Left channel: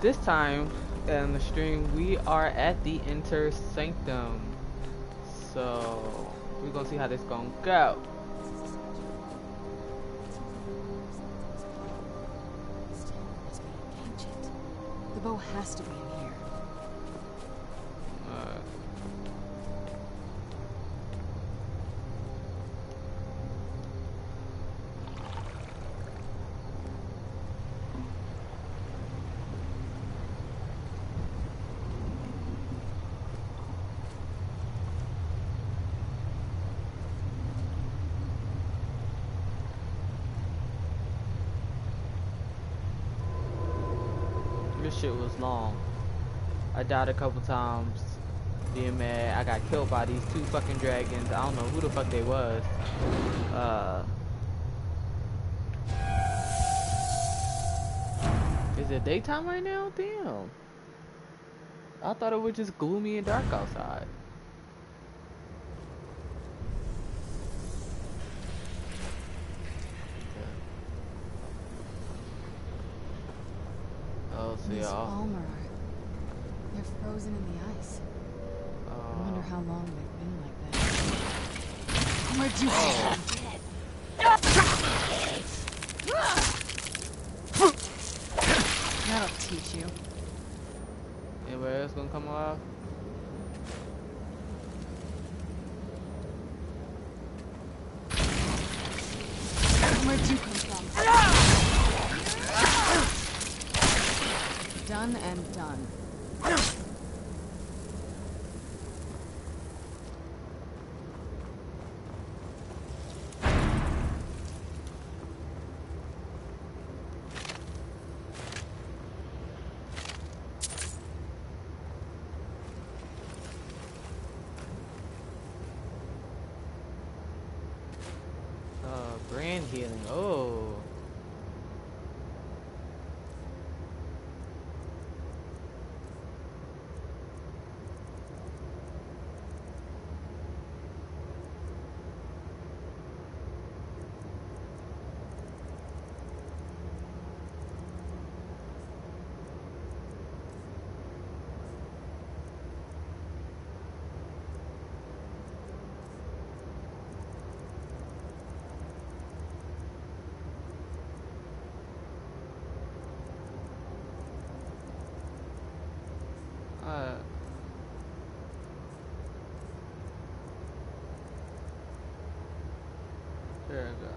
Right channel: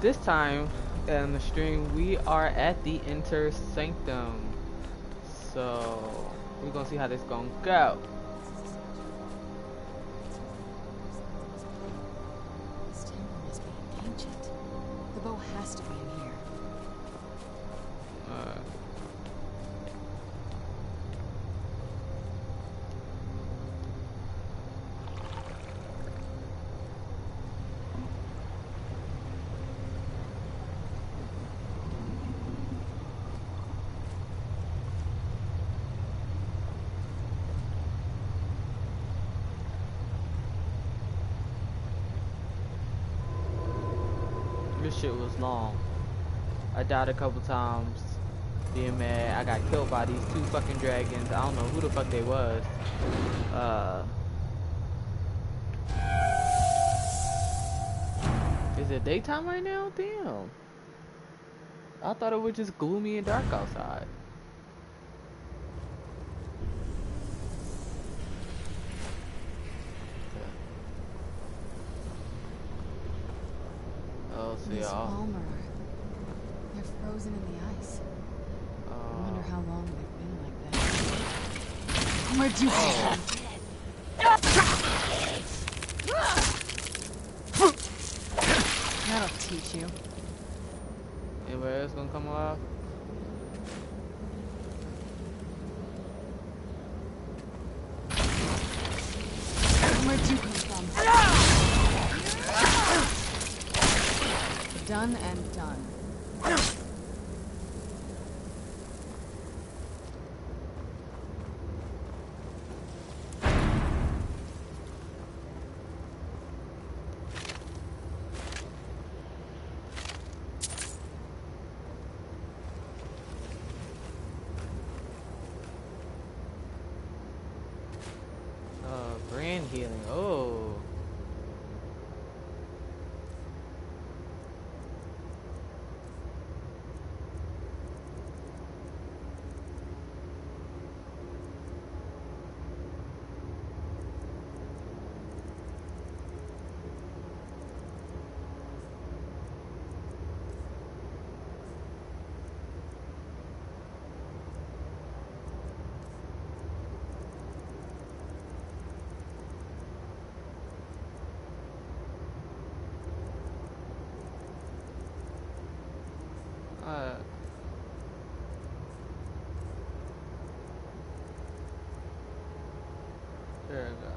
This time in the stream, we are at the Inter Sanctum. So we're gonna see how this gonna go. This temple must be ancient. The bow has to be in here. This shit was long. I died a couple times, being mad. I got killed by these two fucking dragons. I don't know who the fuck they was. Is it daytime right now? Damn. I thought it was just gloomy and dark outside. Oh, so These y'all. Palmer, they're frozen in the ice. I wonder how long they've been like that. Where'd you come from? That'll teach you. Anybody else gonna come alive? Where'd you come from? Done and done. Brand healing. Oh. There we go.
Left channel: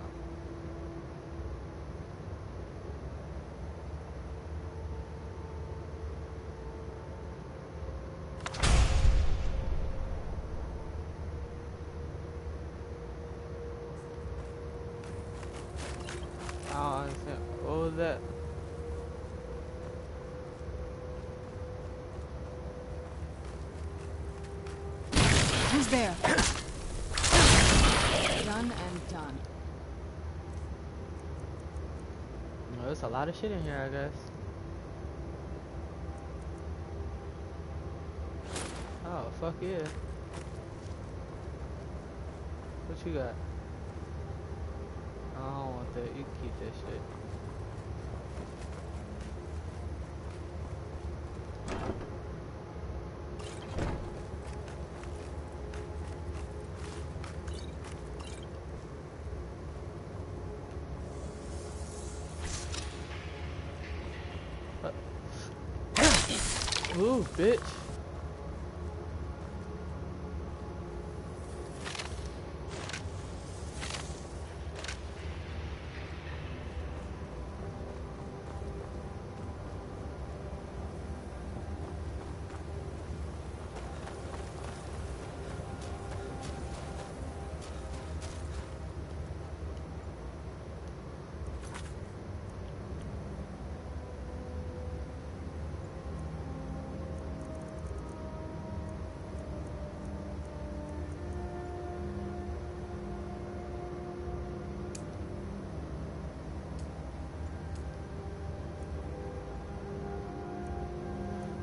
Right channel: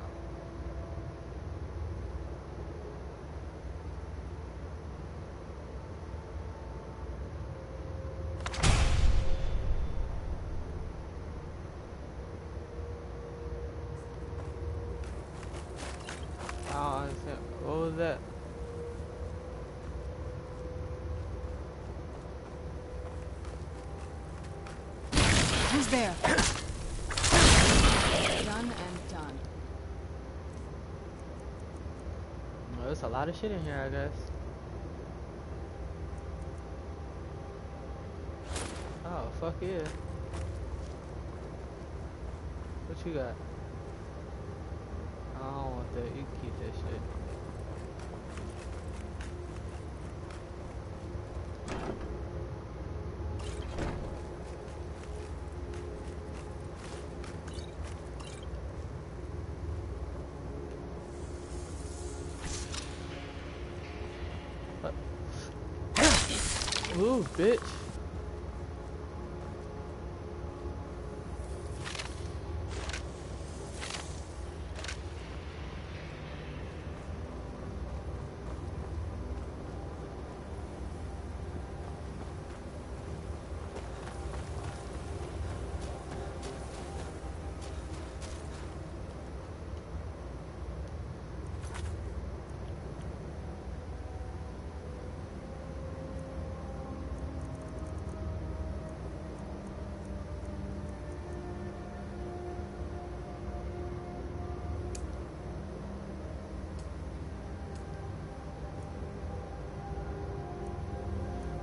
I don't understand. What was that? Who's there? Done and done. Well, there's a lot of shit in here, I guess. Oh, fuck yeah. What you got? I don't want that. You can keep that shit. Ooh, bitch.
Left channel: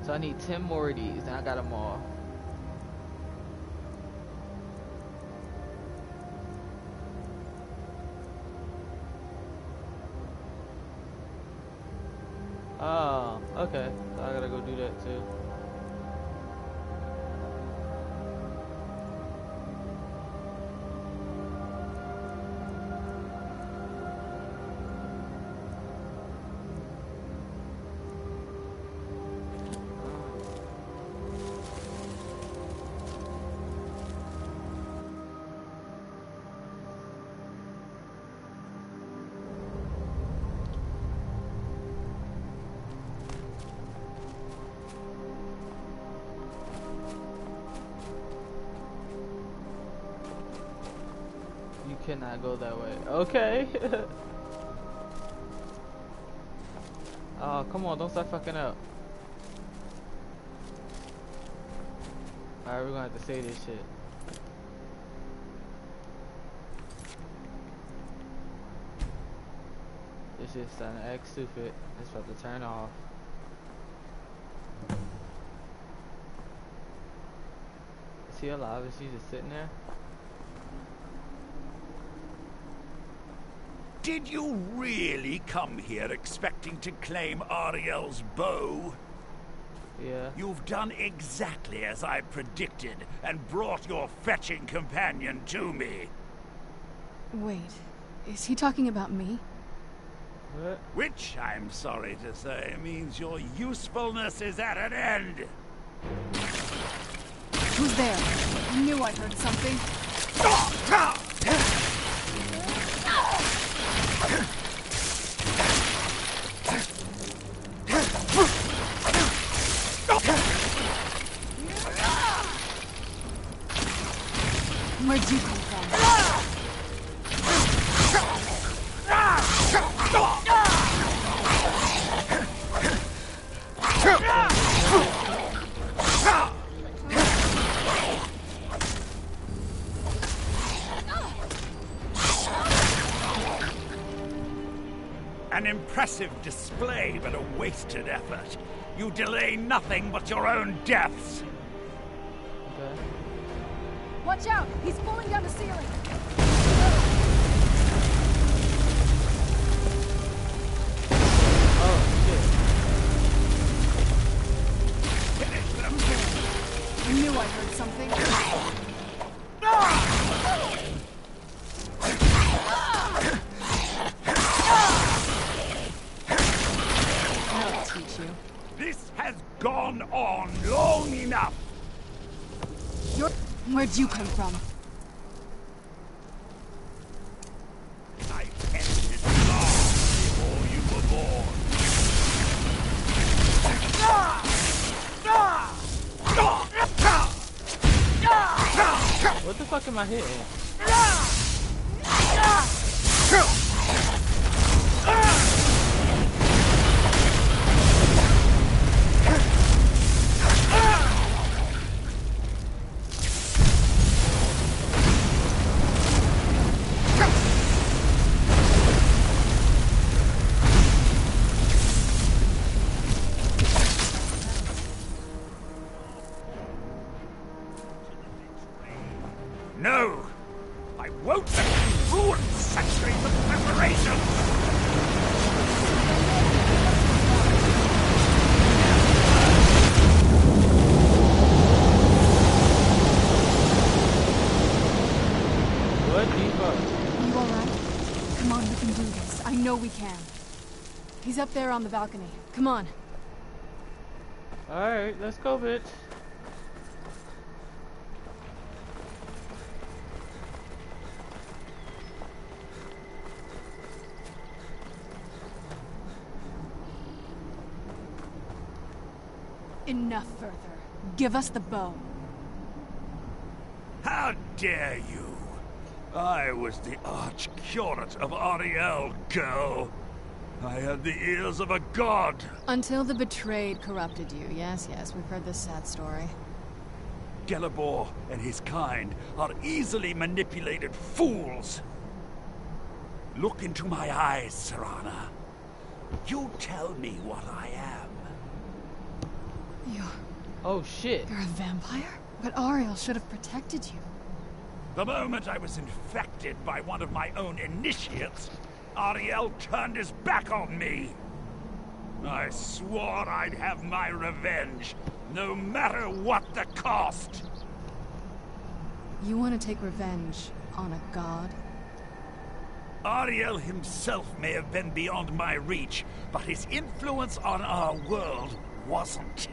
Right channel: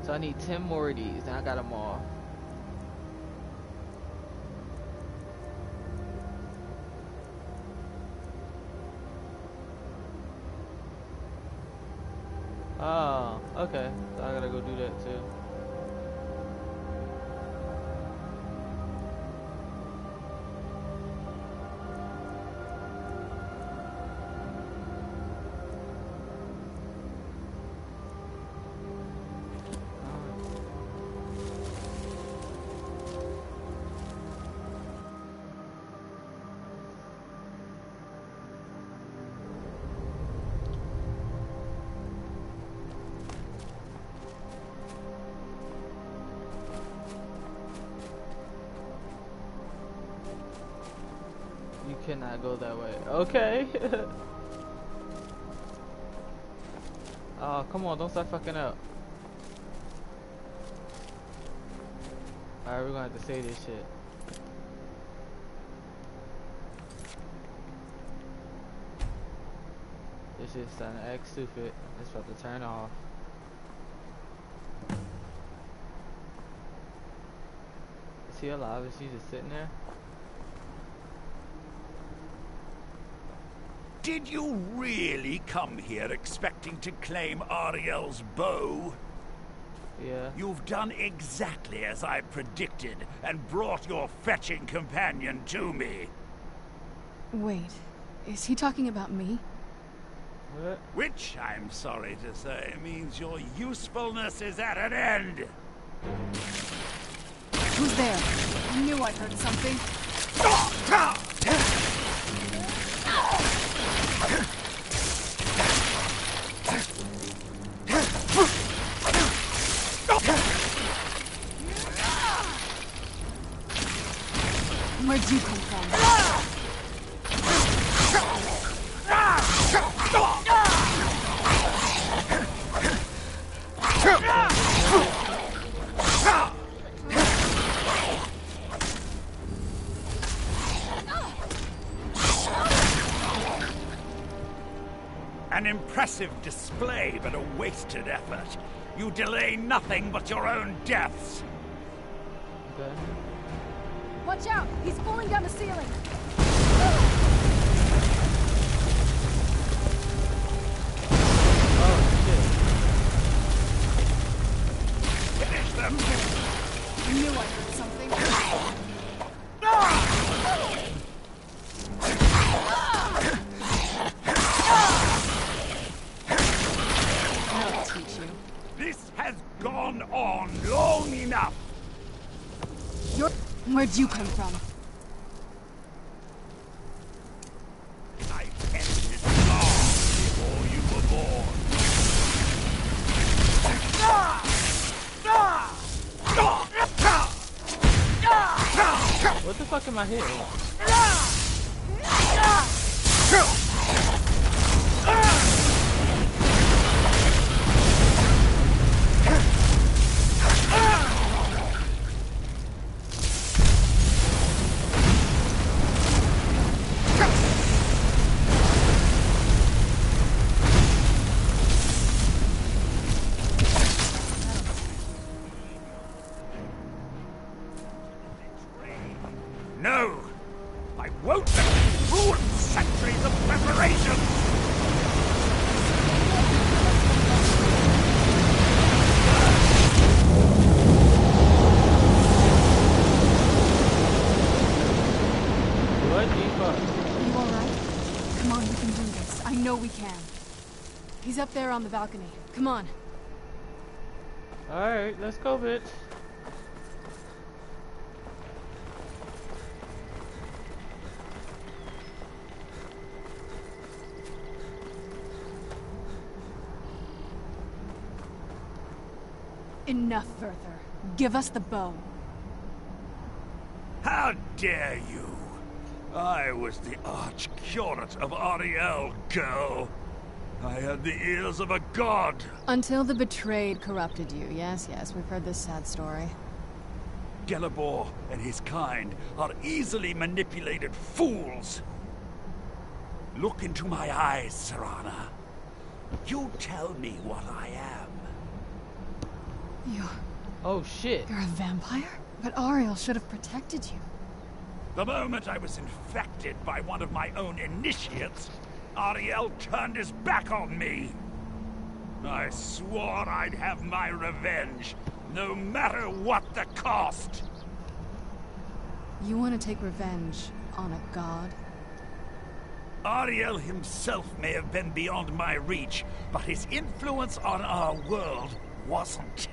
So I need 10 more of these, and I got them all. Oh, Okay, so I gotta go do that too. You cannot go that way. Okay. Oh, come on, don't start fucking up. Alright, we're gonna have to say this shit. This shit's starting to act stupid. It's about to turn off. Is he alive? Is he just sitting there? Did you really come here expecting to claim Ariel's bow? Yeah. You've done exactly as I predicted and brought your fetching companion to me. Wait, is he talking about me? What? Which, I'm sorry to say, means your usefulness is at an end. Who's there? I knew I heard something. Where'd you come from? An impressive display, but a wasted effort. You delay nothing but your own deaths. Okay. Watch out! He's falling down the ceiling! Oh, shit. Finish them! I knew I heard something. I'll teach you. This has gone on long enough. Where'd you come from? I ended long before you were born. What the fuck am I hitting? No! I won't let you ruin centuries of preparation! What the fuck? You alright? Come on, we can do this. I know we can. He's up there on the balcony. Come on. Alright, let's go, bitch. Enough, Werther. Give us the bow. How dare you! I was the arch-curate of Ariel, girl. I had the ears of a god. Until the betrayed corrupted you. Yes, we've heard this sad story. Gelibor and his kind are easily manipulated fools. Look into my eyes, Serana. You tell me what I am. Oh shit. You're a vampire? But Ariel should have protected you. The moment I was infected by one of my own initiates, Ariel turned his back on me. I swore I'd have my revenge, no matter what the cost. You want to take revenge on a god? Ariel himself may have been beyond my reach, but his influence on our world wasn't.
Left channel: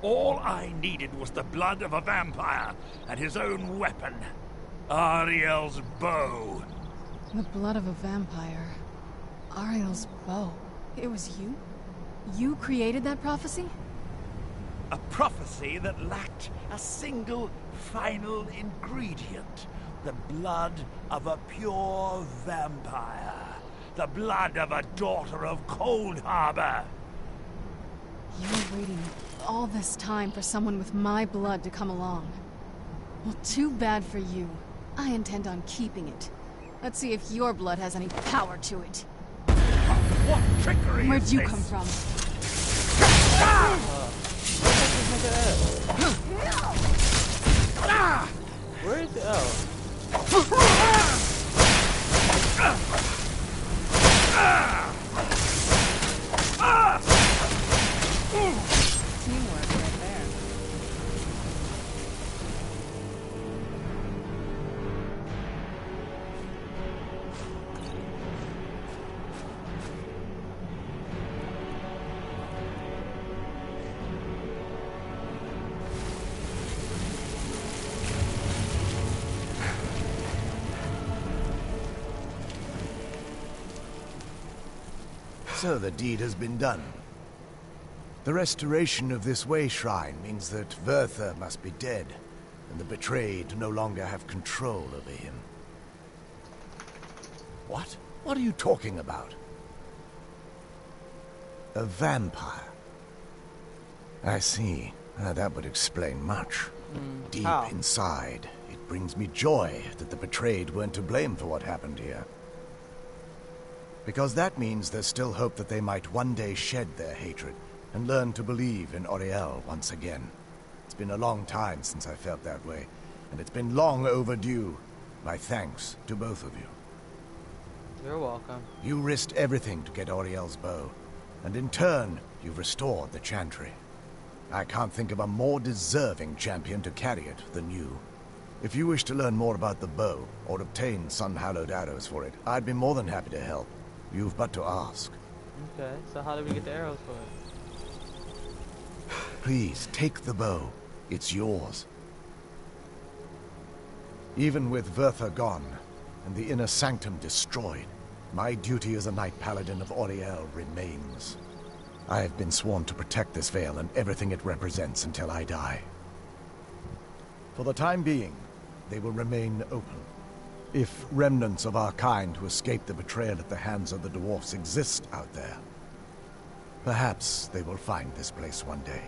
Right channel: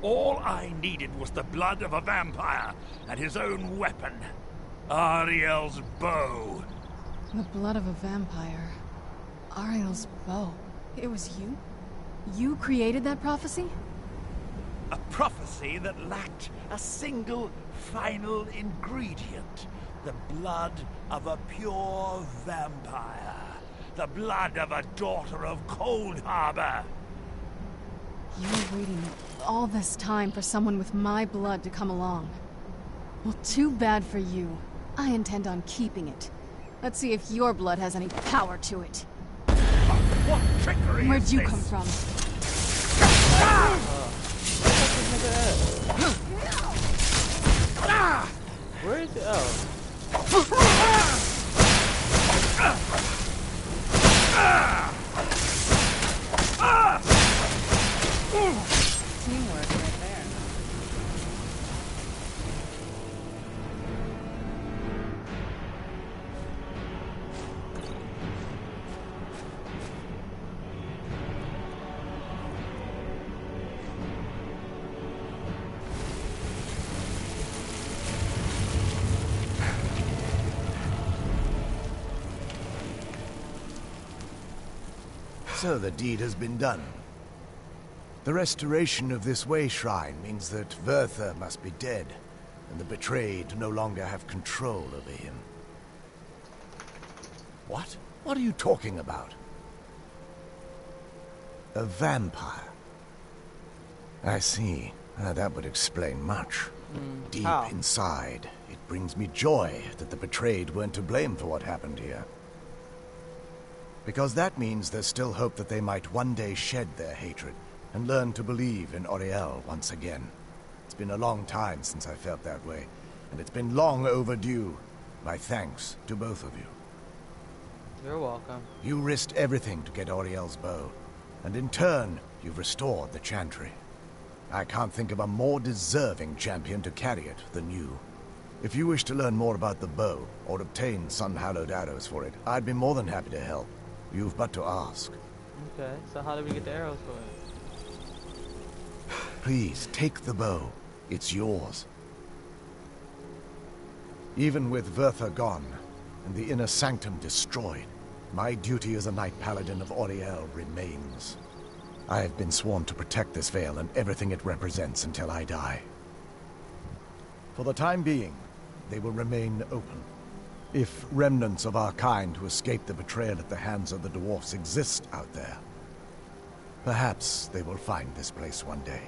All I needed was the blood of a vampire and his own weapon, Ariel's bow. The blood of a vampire. Ariel's bow. It was you? You created that prophecy? A prophecy that lacked a single final ingredient. The blood of a pure vampire. The blood of a daughter of Cold Harbor. You were waiting all this time for someone with my blood to come along. Well, too bad for you. I intend on keeping it. Let's see if your blood has any power to it. What trickery Where'd is you this? come from? Where is it? Oh. Teamwork right there. So the deed has been done. The restoration of this way shrine means that Verther must be dead, and the betrayed no longer have control over him. What? What are you talking about? A vampire. I see. That would explain much. Deep How? inside, it brings me joy that the betrayed weren't to blame for what happened here. Because that means there's still hope that they might one day shed their hatred and learn to believe in Auriel once again. It's been a long time since I felt that way, and it's been long overdue. My thanks to both of you. You're welcome. You risked everything to get Auriel's bow, and in turn, you've restored the Chantry. I can't think of a more deserving champion to carry it than you. If you wish to learn more about the bow, or obtain sun-hallowed arrows for it, I'd be more than happy to help. You've but to ask. Okay, so how do we get the arrows for it? Please, take the bow. It's yours. Even with Verther gone, and the inner sanctum destroyed, my duty as a Knight Paladin of Auriel remains. I have been sworn to protect this veil and everything it represents until I die. For the time being, they will remain open. If remnants of our kind who escaped the betrayal at the hands of the dwarfs exist out there, perhaps they will find this place one day.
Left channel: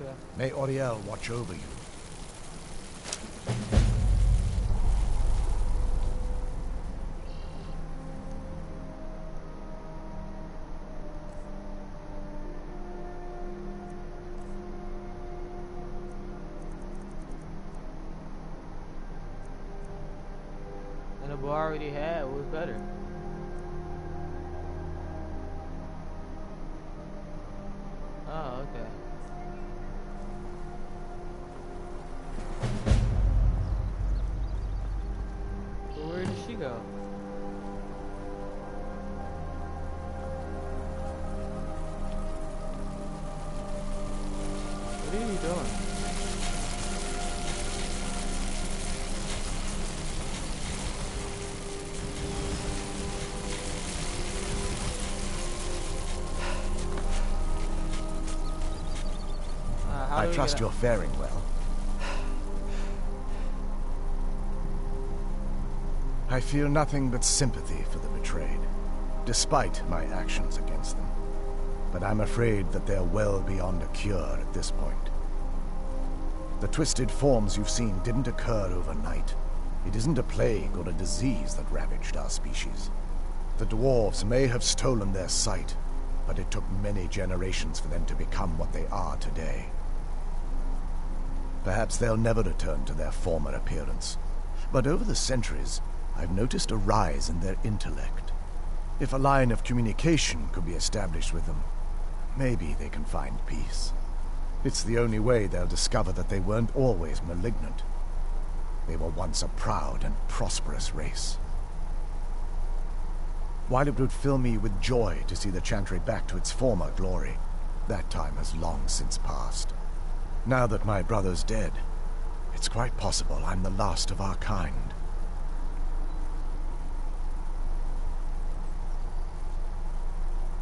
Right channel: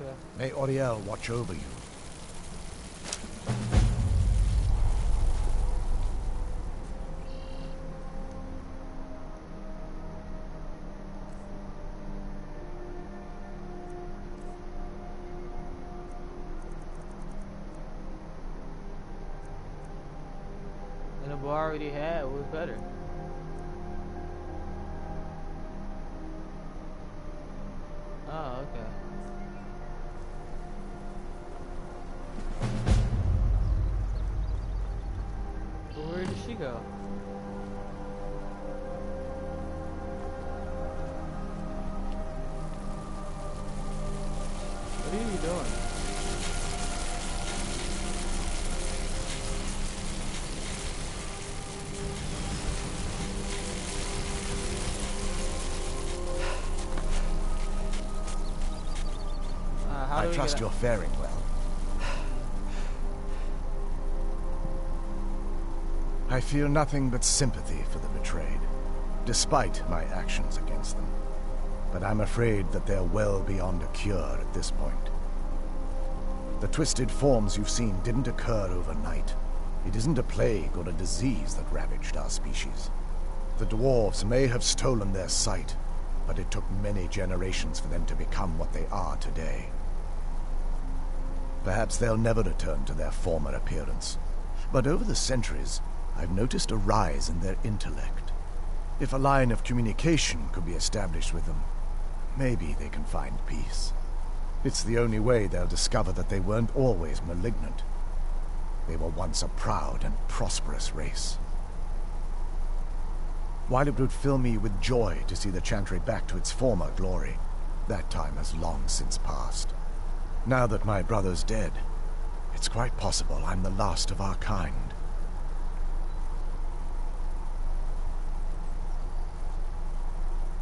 Okay. May Auriel watch over you. And the bow I already had was better. Oh, okay. But where did she go? What are you doing? I trust you're faring well. I feel nothing but sympathy for the betrayed, despite my actions against them. But I'm afraid that they're well beyond a cure at this point. The twisted forms you've seen didn't occur overnight. It isn't a plague or a disease that ravaged our species. The dwarves may have stolen their sight, but it took many generations for them to become what they are today. Perhaps they'll never return to their former appearance. But over the centuries, I've noticed a rise in their intellect. If a line of communication could be established with them, maybe they can find peace. It's the only way they'll discover that they weren't always malignant. They were once a proud and prosperous race. While it would fill me with joy to see the Chantry back to its former glory, that time has long since passed. Now that my brother's dead, it's quite possible I'm the last of our kind.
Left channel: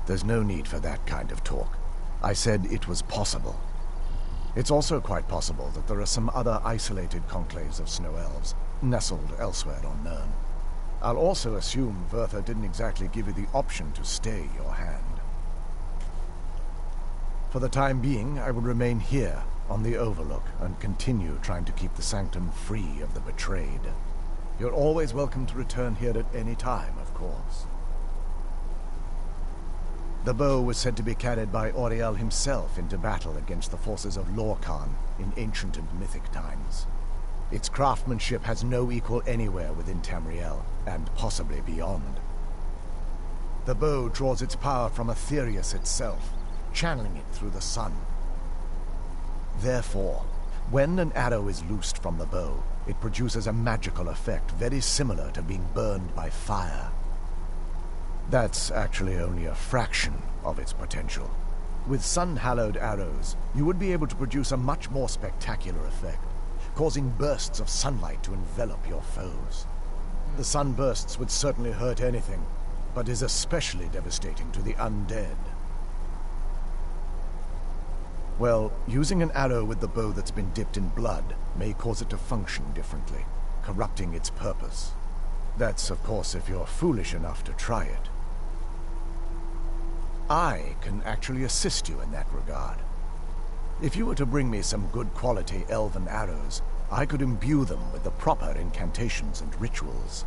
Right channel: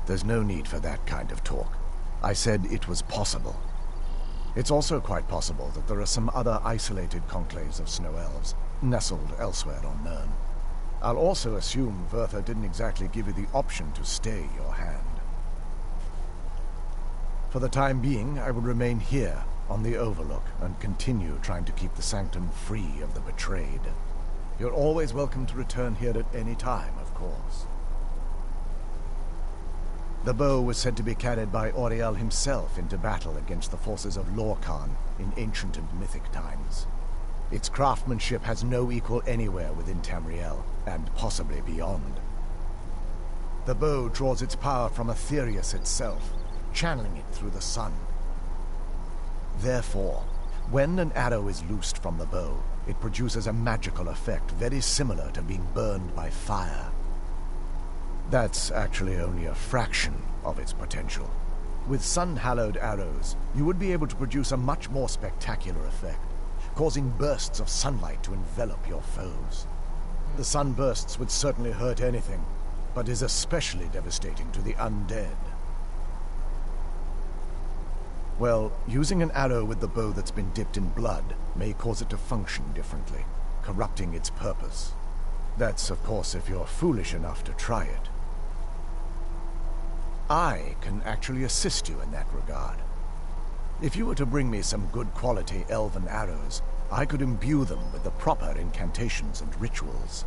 There's no need for that kind of talk. I said it was possible. It's also quite possible that there are some other isolated conclaves of snow elves, nestled elsewhere on Nirn. I'll also assume Vertha didn't exactly give you the option to stay your hand. For the time being, I will remain here, on the Overlook, and continue trying to keep the Sanctum free of the betrayed. You're always welcome to return here at any time, of course. The bow was said to be carried by Auriel himself into battle against the forces of Lorkhan in ancient and mythic times. Its craftsmanship has no equal anywhere within Tamriel, and possibly beyond. The bow draws its power from Aetherius itself, channeling it through the sun. Therefore, when an arrow is loosed from the bow, it produces a magical effect very similar to being burned by fire. That's actually only a fraction of its potential. With sun-hallowed arrows, you would be able to produce a much more spectacular effect, causing bursts of sunlight to envelop your foes. The sunbursts would certainly hurt anything, but is especially devastating to the undead. Well, using an arrow with the bow that's been dipped in blood may cause it to function differently, corrupting its purpose. That's, of course, if you're foolish enough to try it. I can actually assist you in that regard. If you were to bring me some good quality elven arrows, I could imbue them with the proper incantations and rituals.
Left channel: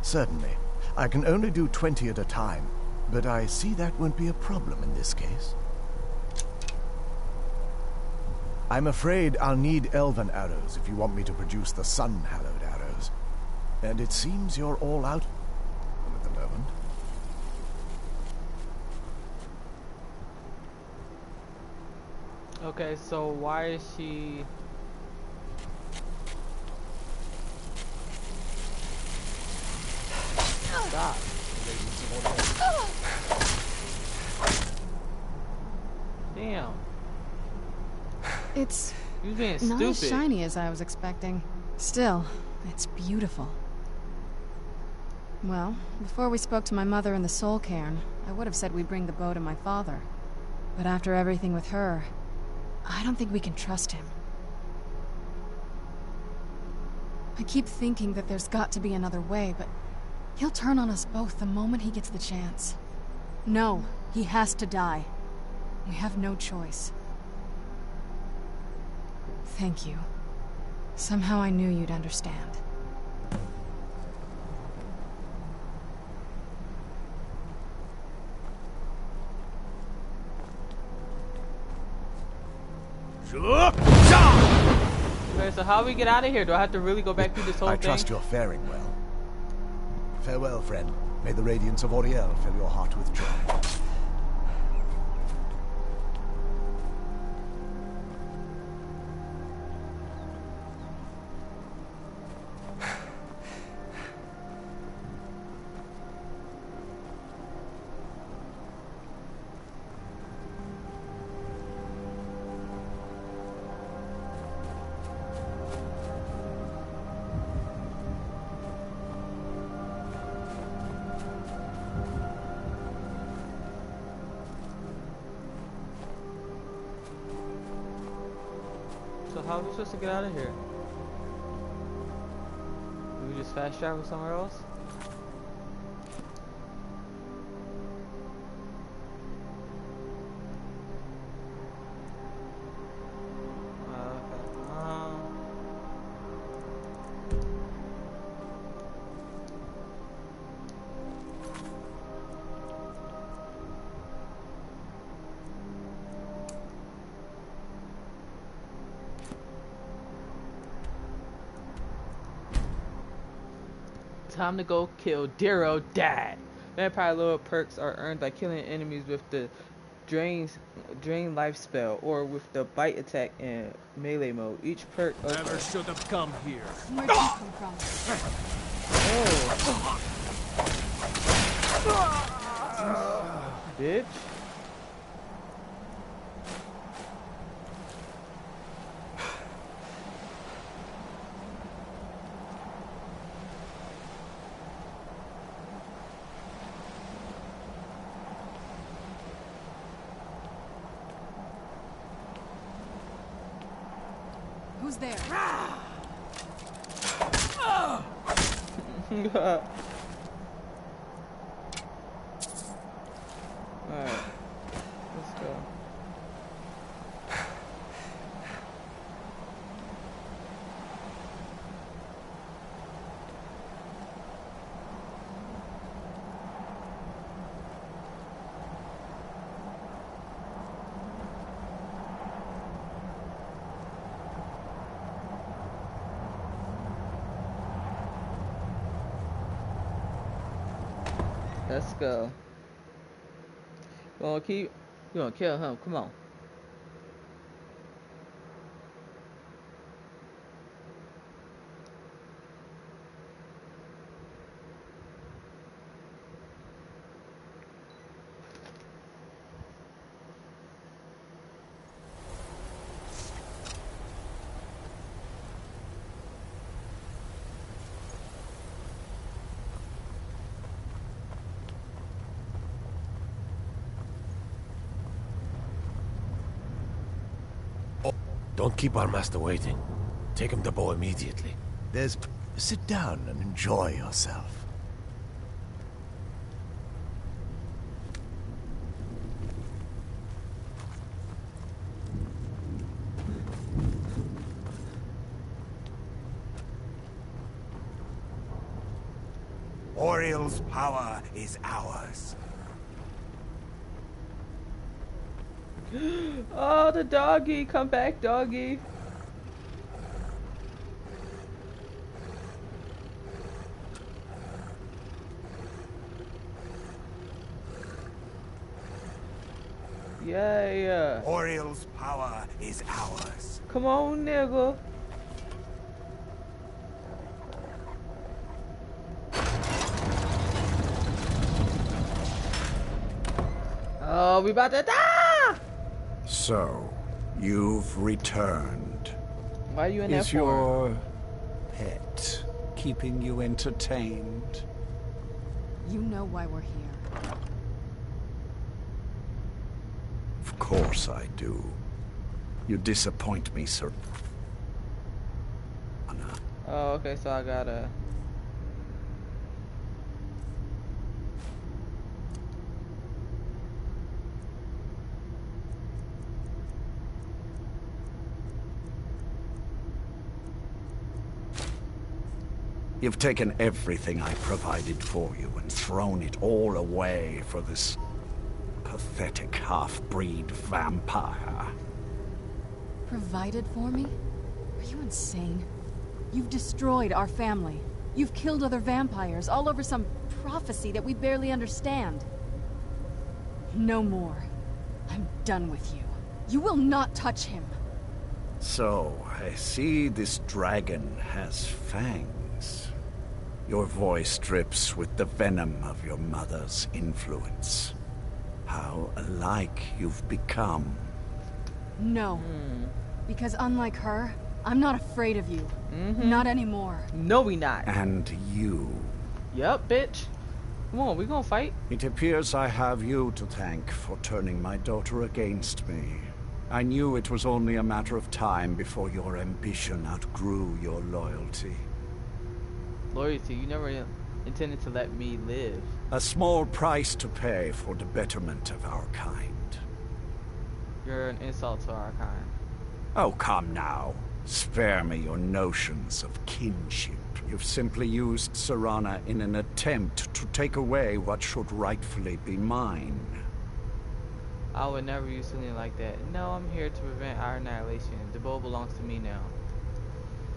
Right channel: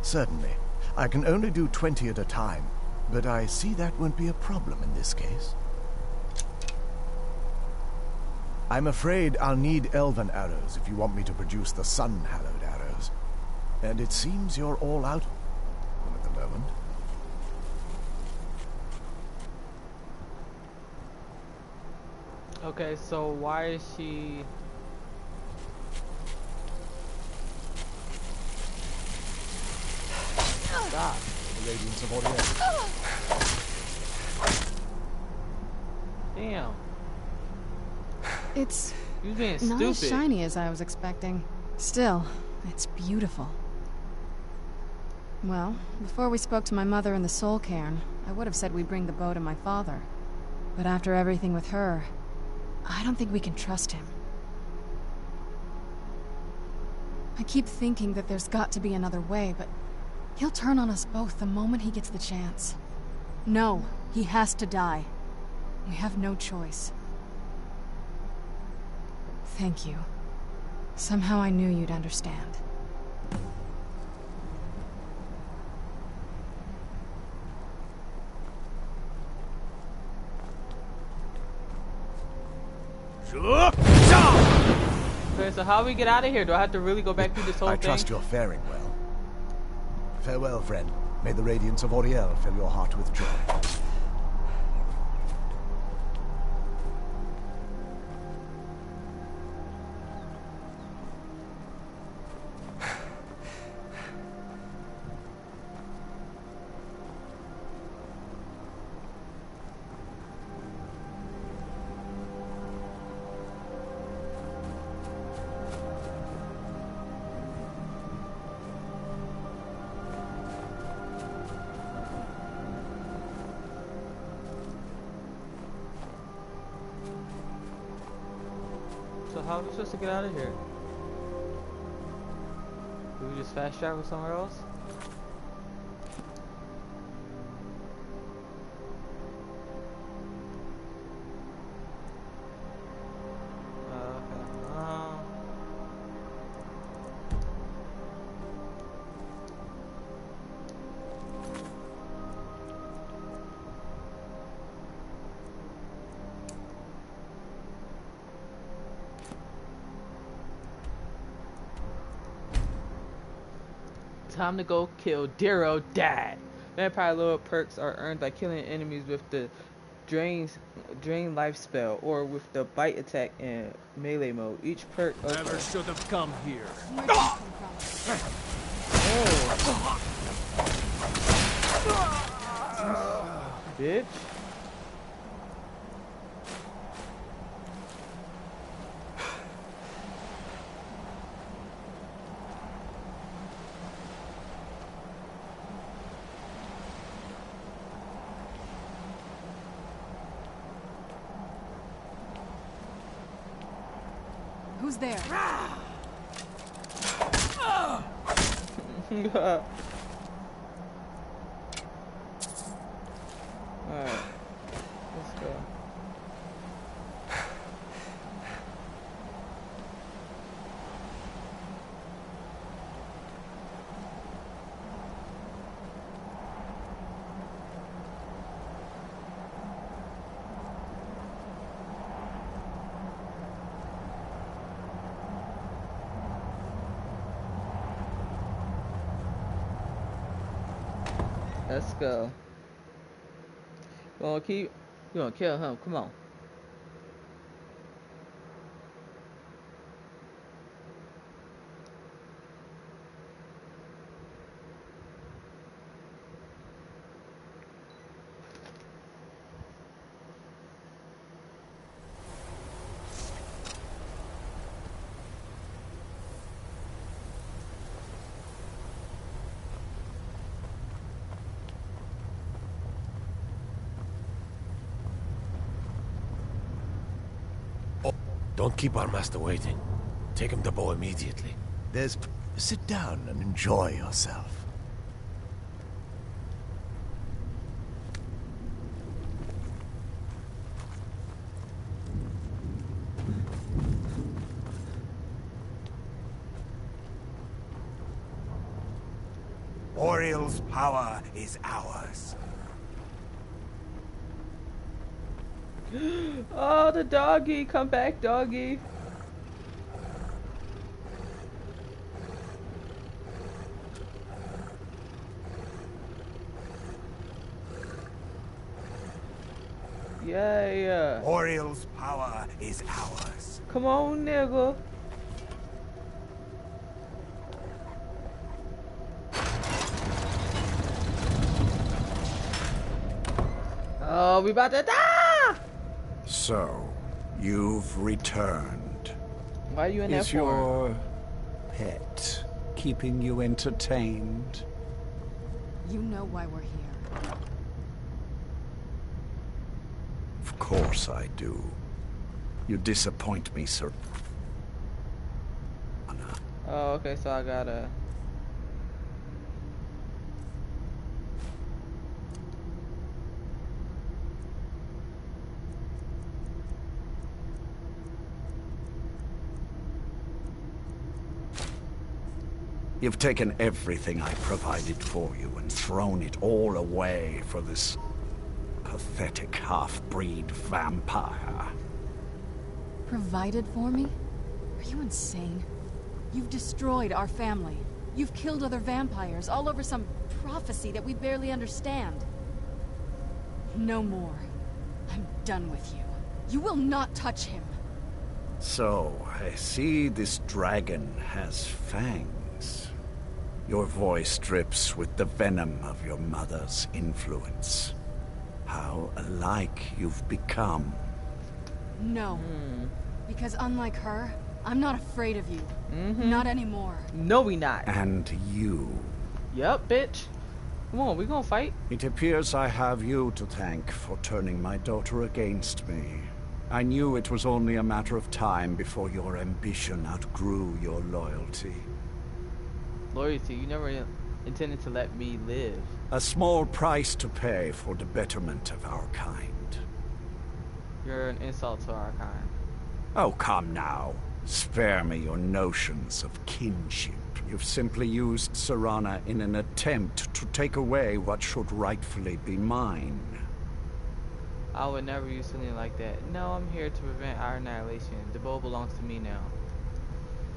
Certainly. I can only do 20 at a time, but I see that won't be a problem in this case. I'm afraid I'll need elven arrows if you want me to produce the sun-hallowed arrows. And it seems you're all out at the moment. Okay, so why is she... Stop. The radiance of Auriel. Damn. It's You being not stupid. as shiny as I was expecting. Still, it's beautiful. Well, before we spoke to my mother in the Soul Cairn, I would have said we'd bring the bow to my father. But after everything with her, I don't think we can trust him. I keep thinking that there's got to be another way, but he'll turn on us both the moment he gets the chance. No, he has to die. We have no choice. Thank you. Somehow I knew you'd understand. Okay, so how do we get out of here? Do I have to really go back through this whole I thing? trust you're faring well. Farewell, friend. May the radiance of Auriel fill your heart with joy. So how are we supposed to get out of here? Do we just fast travel somewhere else? Okay. Time to go kill Darrow Dad. Vampire lore perks are earned by killing enemies with the drain life spell or with the bite attack in melee mode. Each perk Never should have come here. Where'd you come from? Oh. Bitch. Who's there? Alright. Let's go. Let's go. You gonna kill him? Come on. Don't keep our master waiting. Take him to Bo immediately. Sit down and enjoy yourself. Oriel's power is ours. Oh, the doggy. Come back, doggy. Yeah. Oriel's power is ours. Come on, nigga. Oh, we about to die! So, you've returned. Why are you in that Is for? your pet keeping you entertained? You know why we're here. Of course I do. You disappoint me, sir. Oh, okay, so I gotta... You've taken everything I provided for you and thrown it all away for this pathetic half-breed vampire. Provided for me? Are you insane? You've destroyed our family. You've killed other vampires, all over some prophecy that we barely understand. No more. I'm done with you. You will not touch him. So, I see this dragon has fangs. Your voice drips with the venom of your mother's influence. How alike you've become. No. Because unlike her, I'm not afraid of you. Not anymore. No, we not. And you. Yup, bitch. Come on, we gonna fight. It appears I have you to thank for turning my daughter against me. I knew it was only a matter of time before your ambition outgrew your loyalty. Loyalty, you never intended to let me live. A small price to pay for the betterment of our kind. You're an insult to our kind. Oh, come now. Spare me your notions of kinship. You've simply used Serana in an attempt to take away what should rightfully be mine. I would never use something like that. No, I'm here to prevent our annihilation. The bow belongs to me now.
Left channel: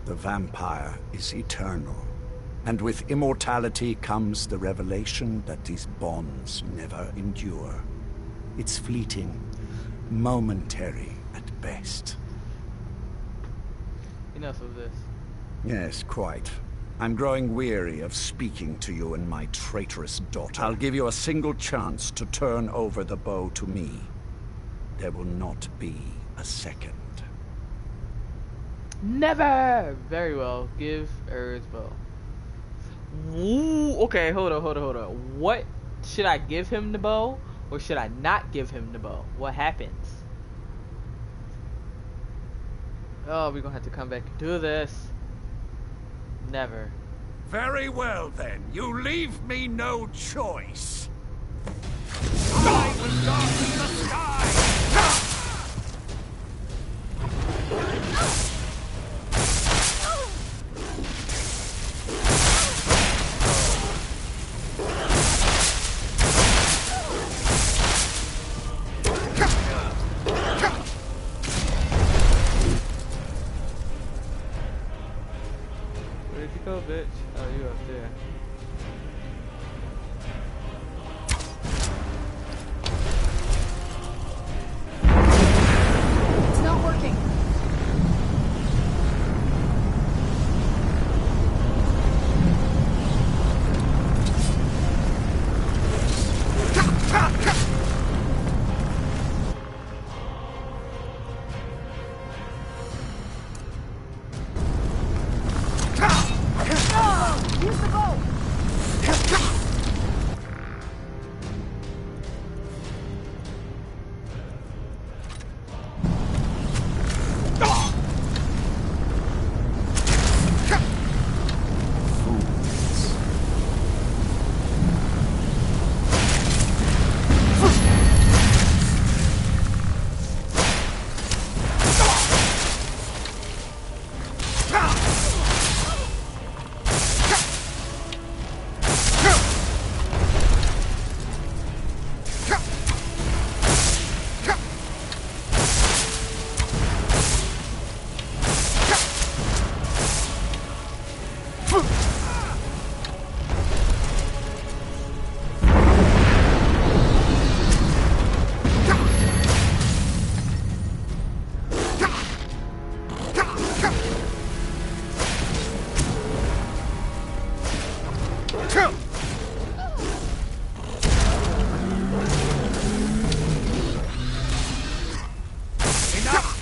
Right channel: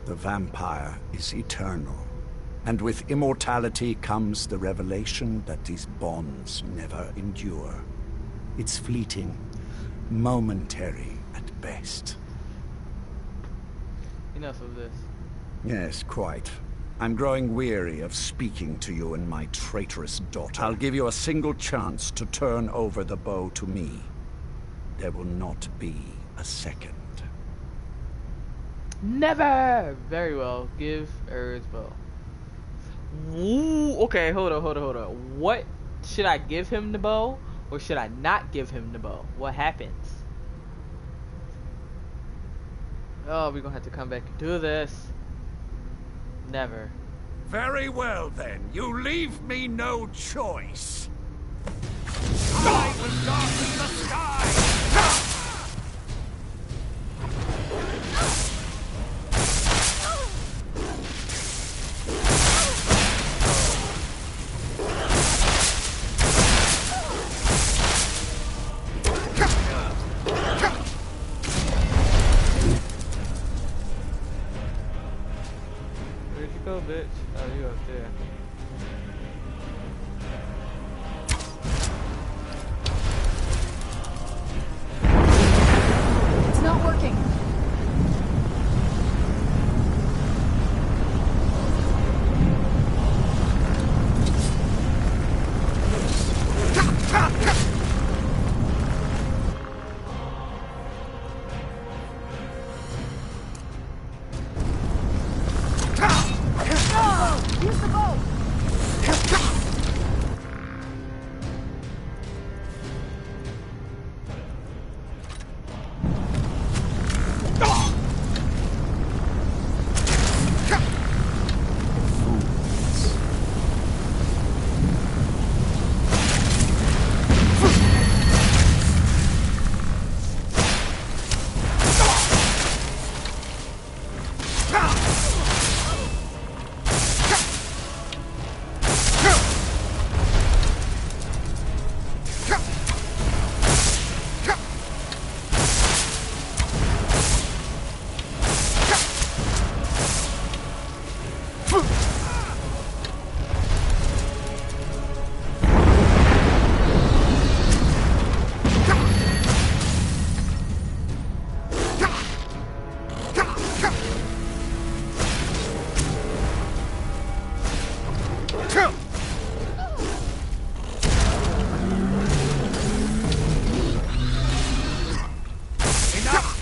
The vampire is eternal. And with immortality comes the revelation that these bonds never endure. It's fleeting, momentary at best. Enough of this. Yes, quite. I'm growing weary of speaking to you and my traitorous daughter. I'll give you a single chance to turn over the bow to me. There will not be a second. Never! Very well. Give Erd's bow. Ooh, okay, hold on. What? Should I give him the bow? Or should I not give him the bow? What happens? Oh, we're gonna have to come back and do this. Never. Very well then. You leave me no choice. I will darken the sky! Where'd you go, bitch? Oh, you up there. It's not working. Use the bow!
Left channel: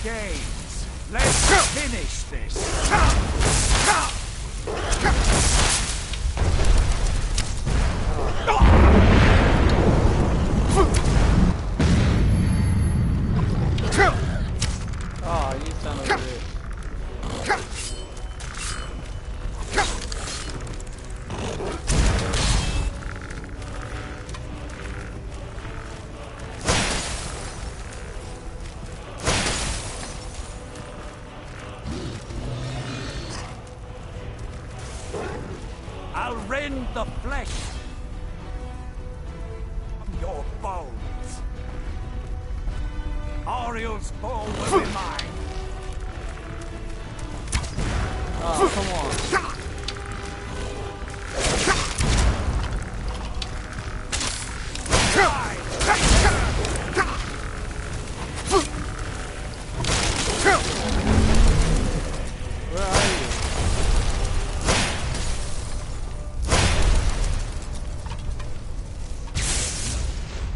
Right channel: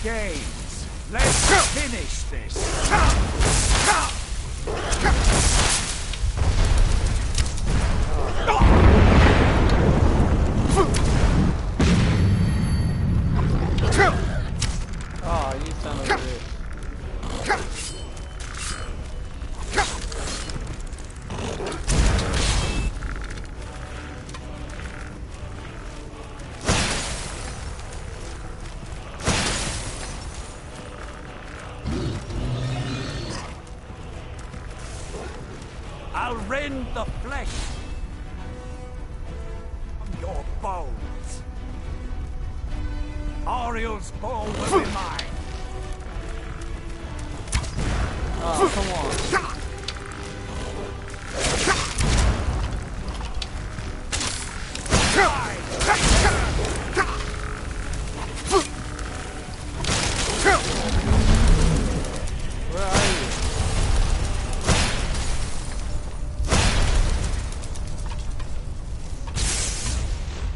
Games. Let's finish this. Oh, you son of a bitch. I'll rend the flesh from your bones. Ariel's bow will be mine. Oh, come on. Where are you?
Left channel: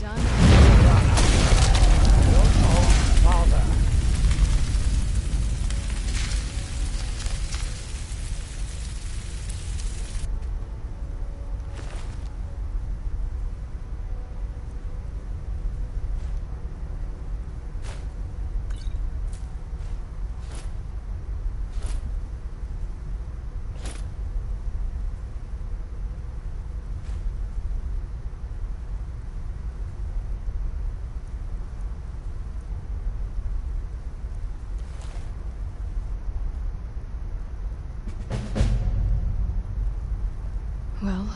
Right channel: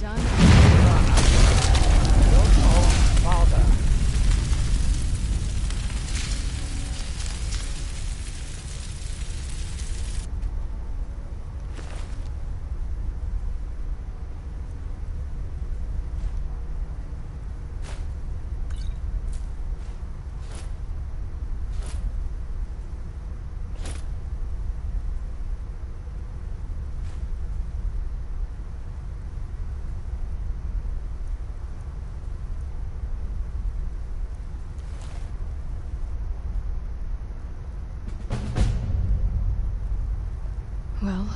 Done. Your own father. Well,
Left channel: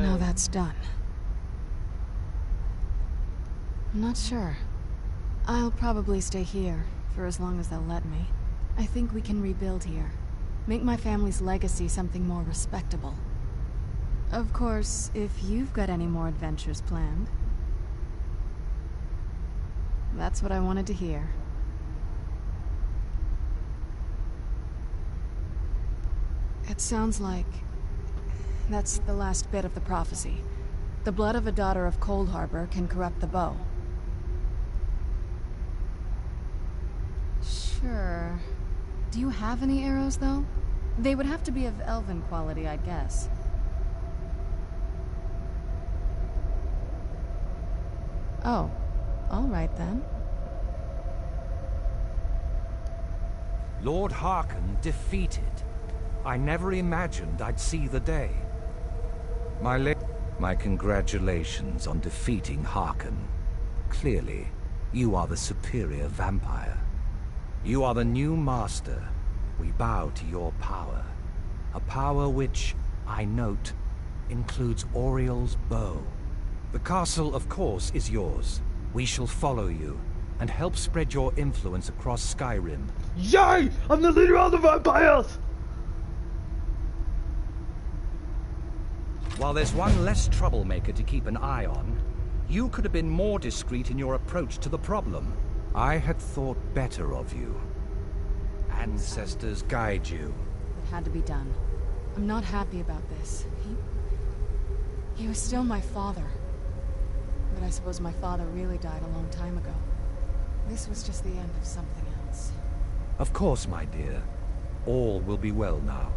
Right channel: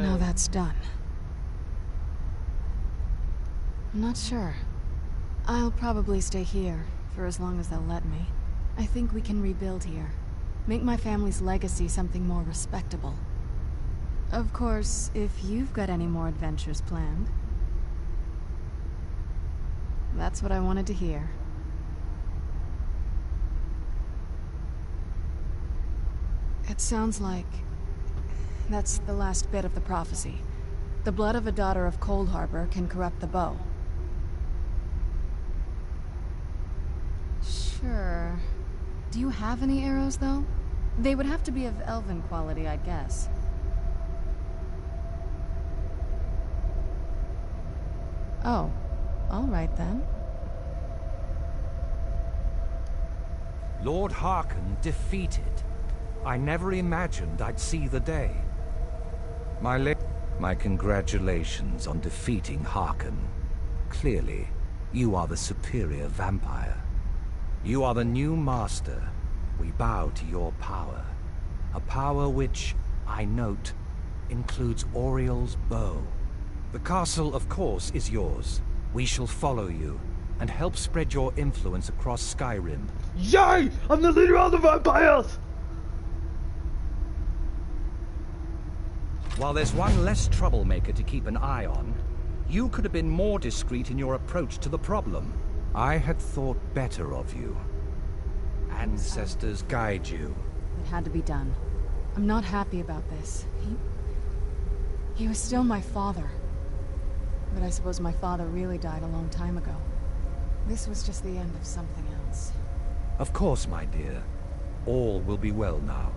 now that's done. I'm not sure. I'll probably stay here for as long as they'll let me. I think we can rebuild here. Make my family's legacy something more respectable. Of course, if you've got any more adventures planned. That's what I wanted to hear. It sounds like that's the last bit of the prophecy. The blood of a daughter of Cold Harbor can corrupt the bow. Sure. Do you have any arrows, though? They would have to be of elven quality, I guess. Oh, all right then. Lord Harkon defeated. I never imagined I'd see the day. My congratulations on defeating Harkon. Clearly, you are the superior vampire. You are the new master. We bow to your power. A power which, I note, includes Oriel's bow. The castle, of course, is yours. We shall follow you, and help spread your influence across Skyrim. Yay! I'm the leader of the vampires! While there's one less troublemaker to keep an eye on, you could have been more discreet in your approach to the problem. I had thought better of you. Ancestors guide you. It had to be done. I'm not happy about this. He was still my father. But I suppose my father really died a long time ago. This was just the end of something else. Of course, my dear. All will be well now.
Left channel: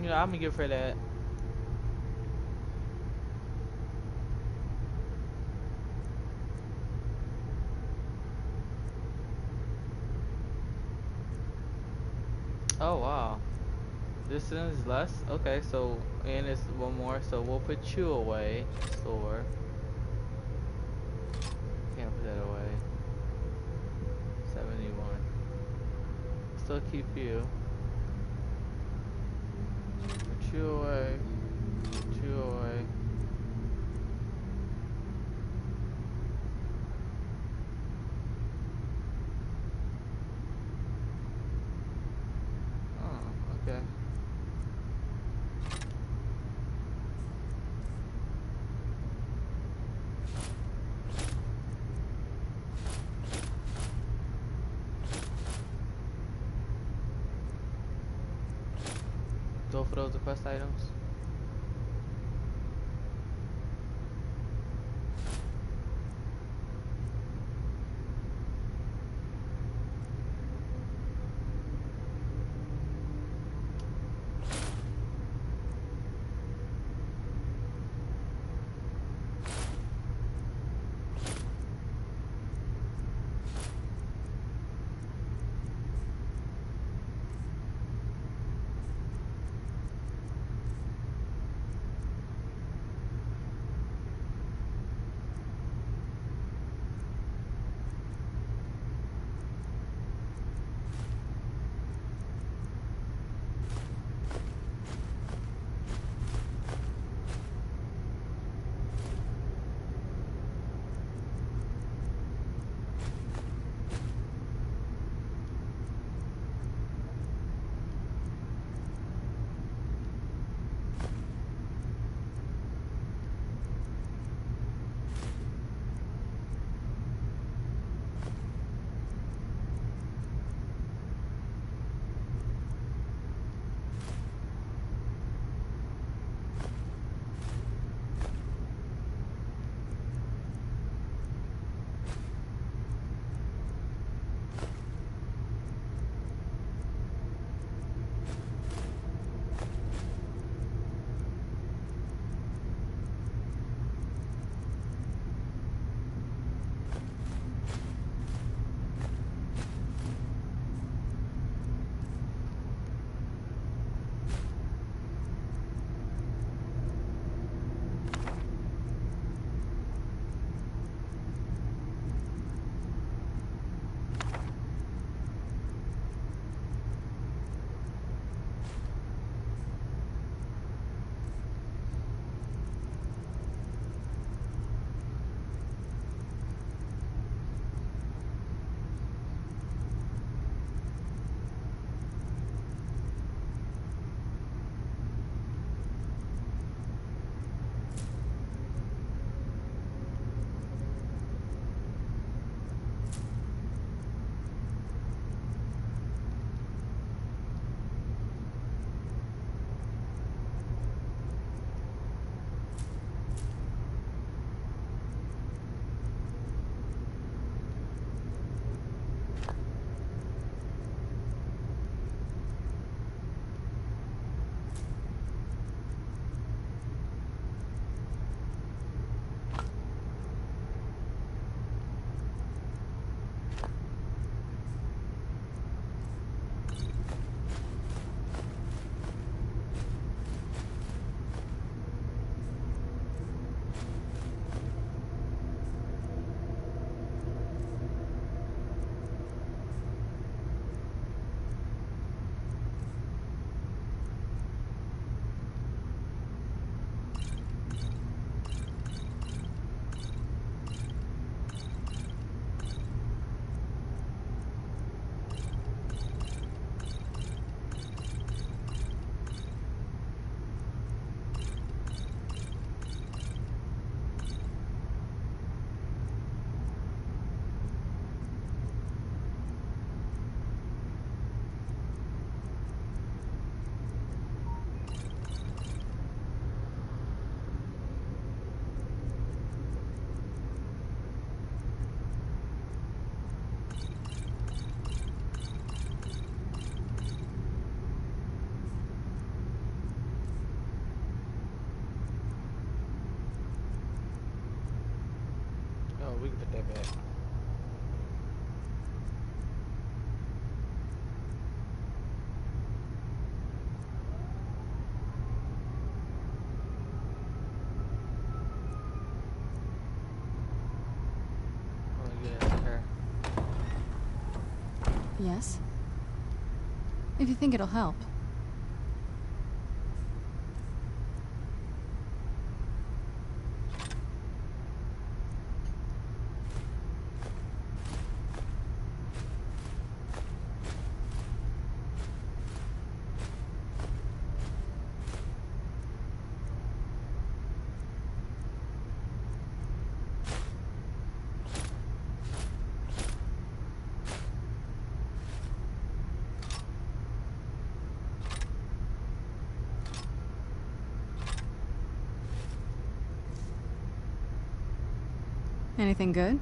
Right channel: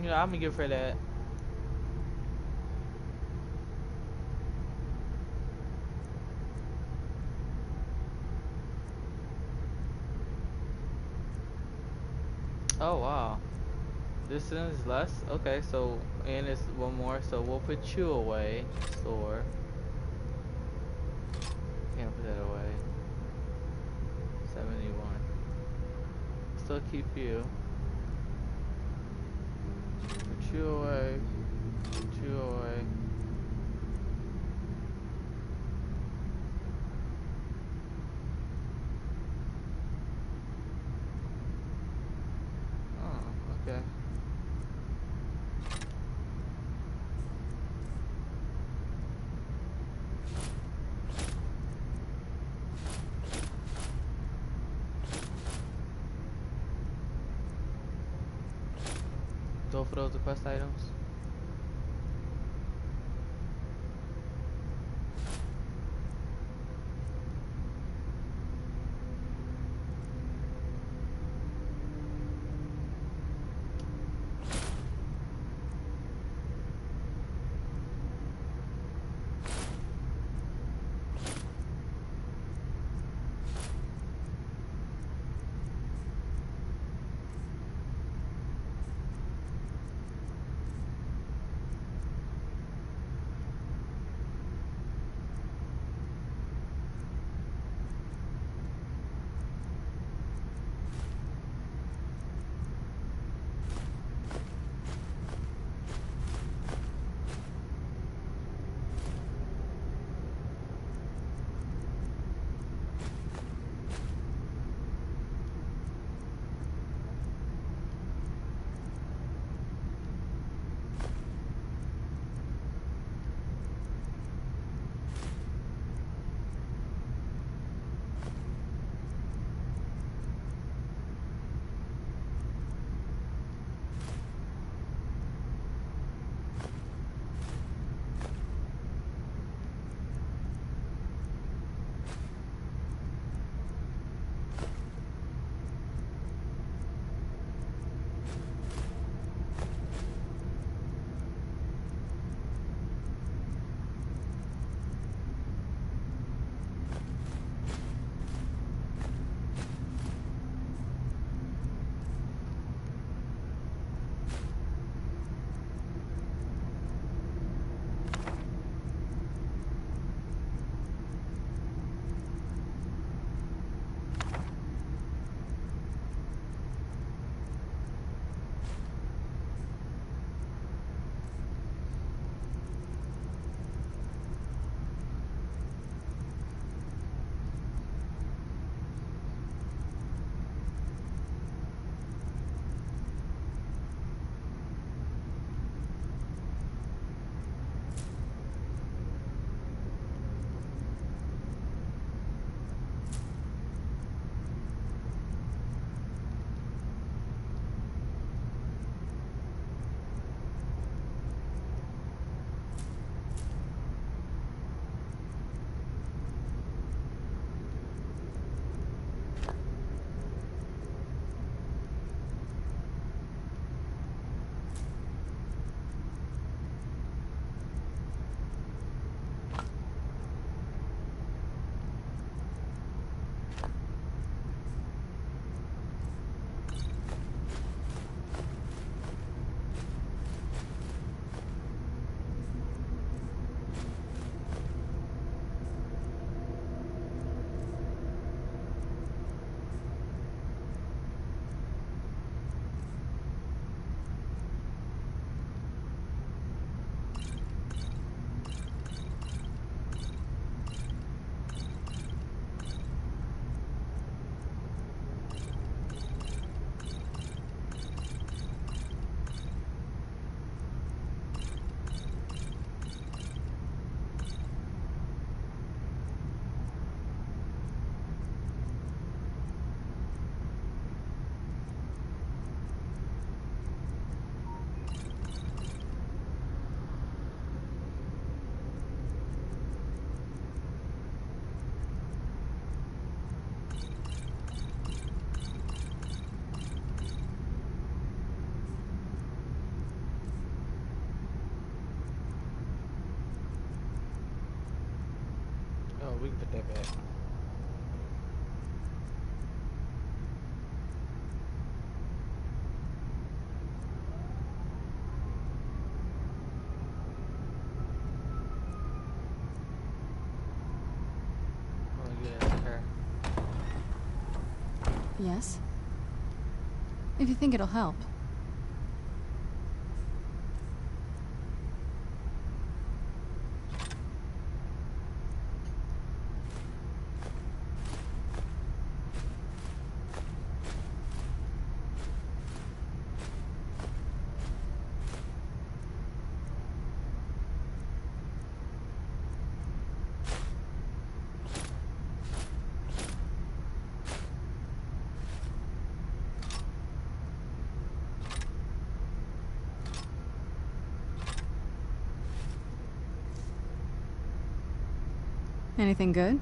You know, I'm gonna give her that. Oh wow. This is less? Okay, so and it's one more, so we'll put you away. Store. Can't put that away. 71. Still keep you. Put you away. Put you away. Oh, okay. Go for those quest items. we can put that back. Oh yeah, her. Yes? If you think it'll help. Anything good?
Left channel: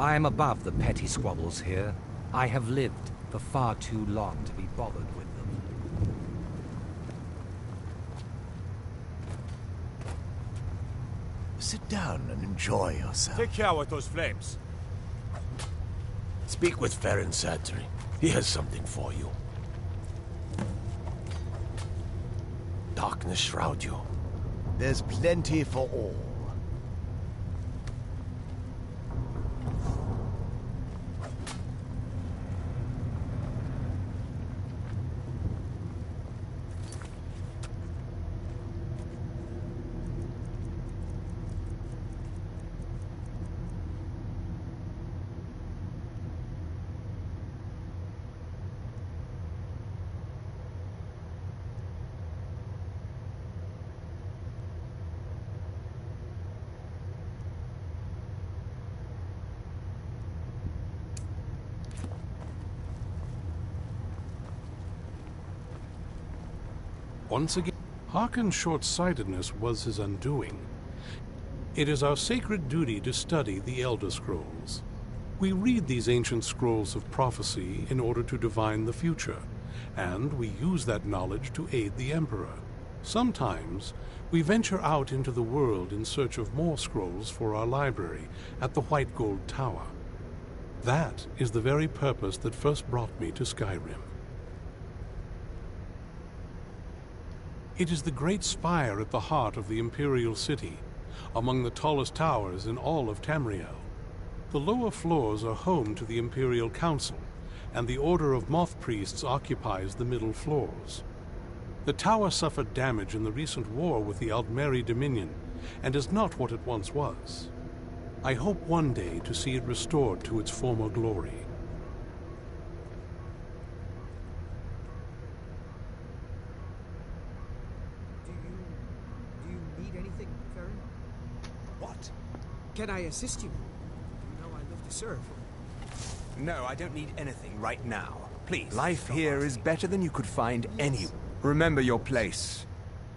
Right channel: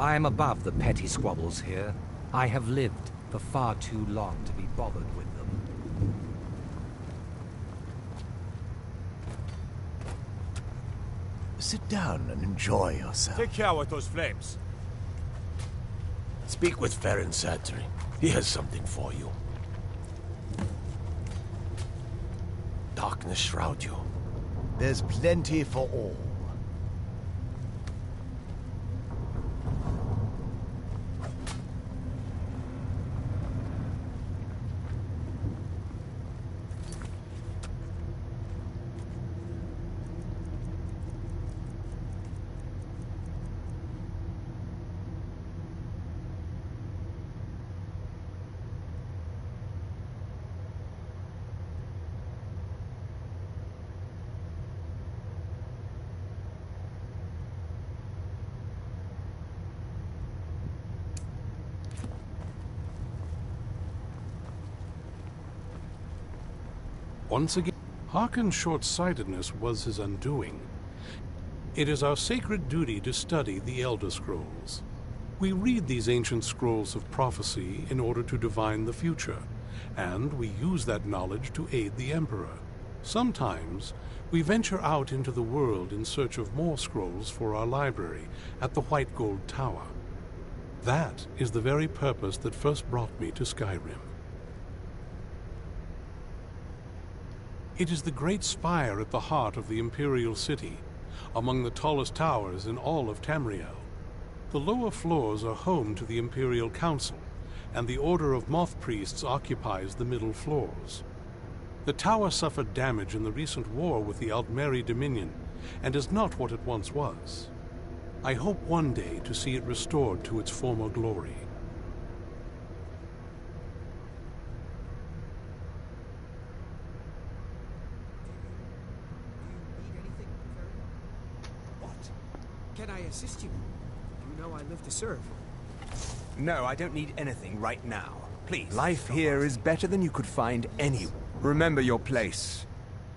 I am above the petty squabbles here. I have lived for far too long to be bothered with them. Sit down and enjoy yourself. Take care with those flames. Speak with Farron Sadri. He has something for you. Darkness shroud you. There's plenty for all. Once again, Harkon's short-sightedness was his undoing. It is our sacred duty to study the Elder Scrolls. We read these ancient scrolls of prophecy in order to divine the future, and we use that knowledge to aid the Emperor. Sometimes, we venture out into the world in search of more scrolls for our library at the White Gold Tower. That is the very purpose that first brought me to Skyrim. It is the great spire at the heart of the Imperial City, among the tallest towers in all of Tamriel. The lower floors are home to the Imperial Council, and the Order of Moth Priests occupies the middle floors. The tower suffered damage in the recent war with the Aldmeri Dominion, and is not what it once was. I hope one day to see it restored to its former glory. Can I assist you? You know I live to serve. No, I don't need anything right now. Please. Life here is better than you could find anywhere. Remember your place,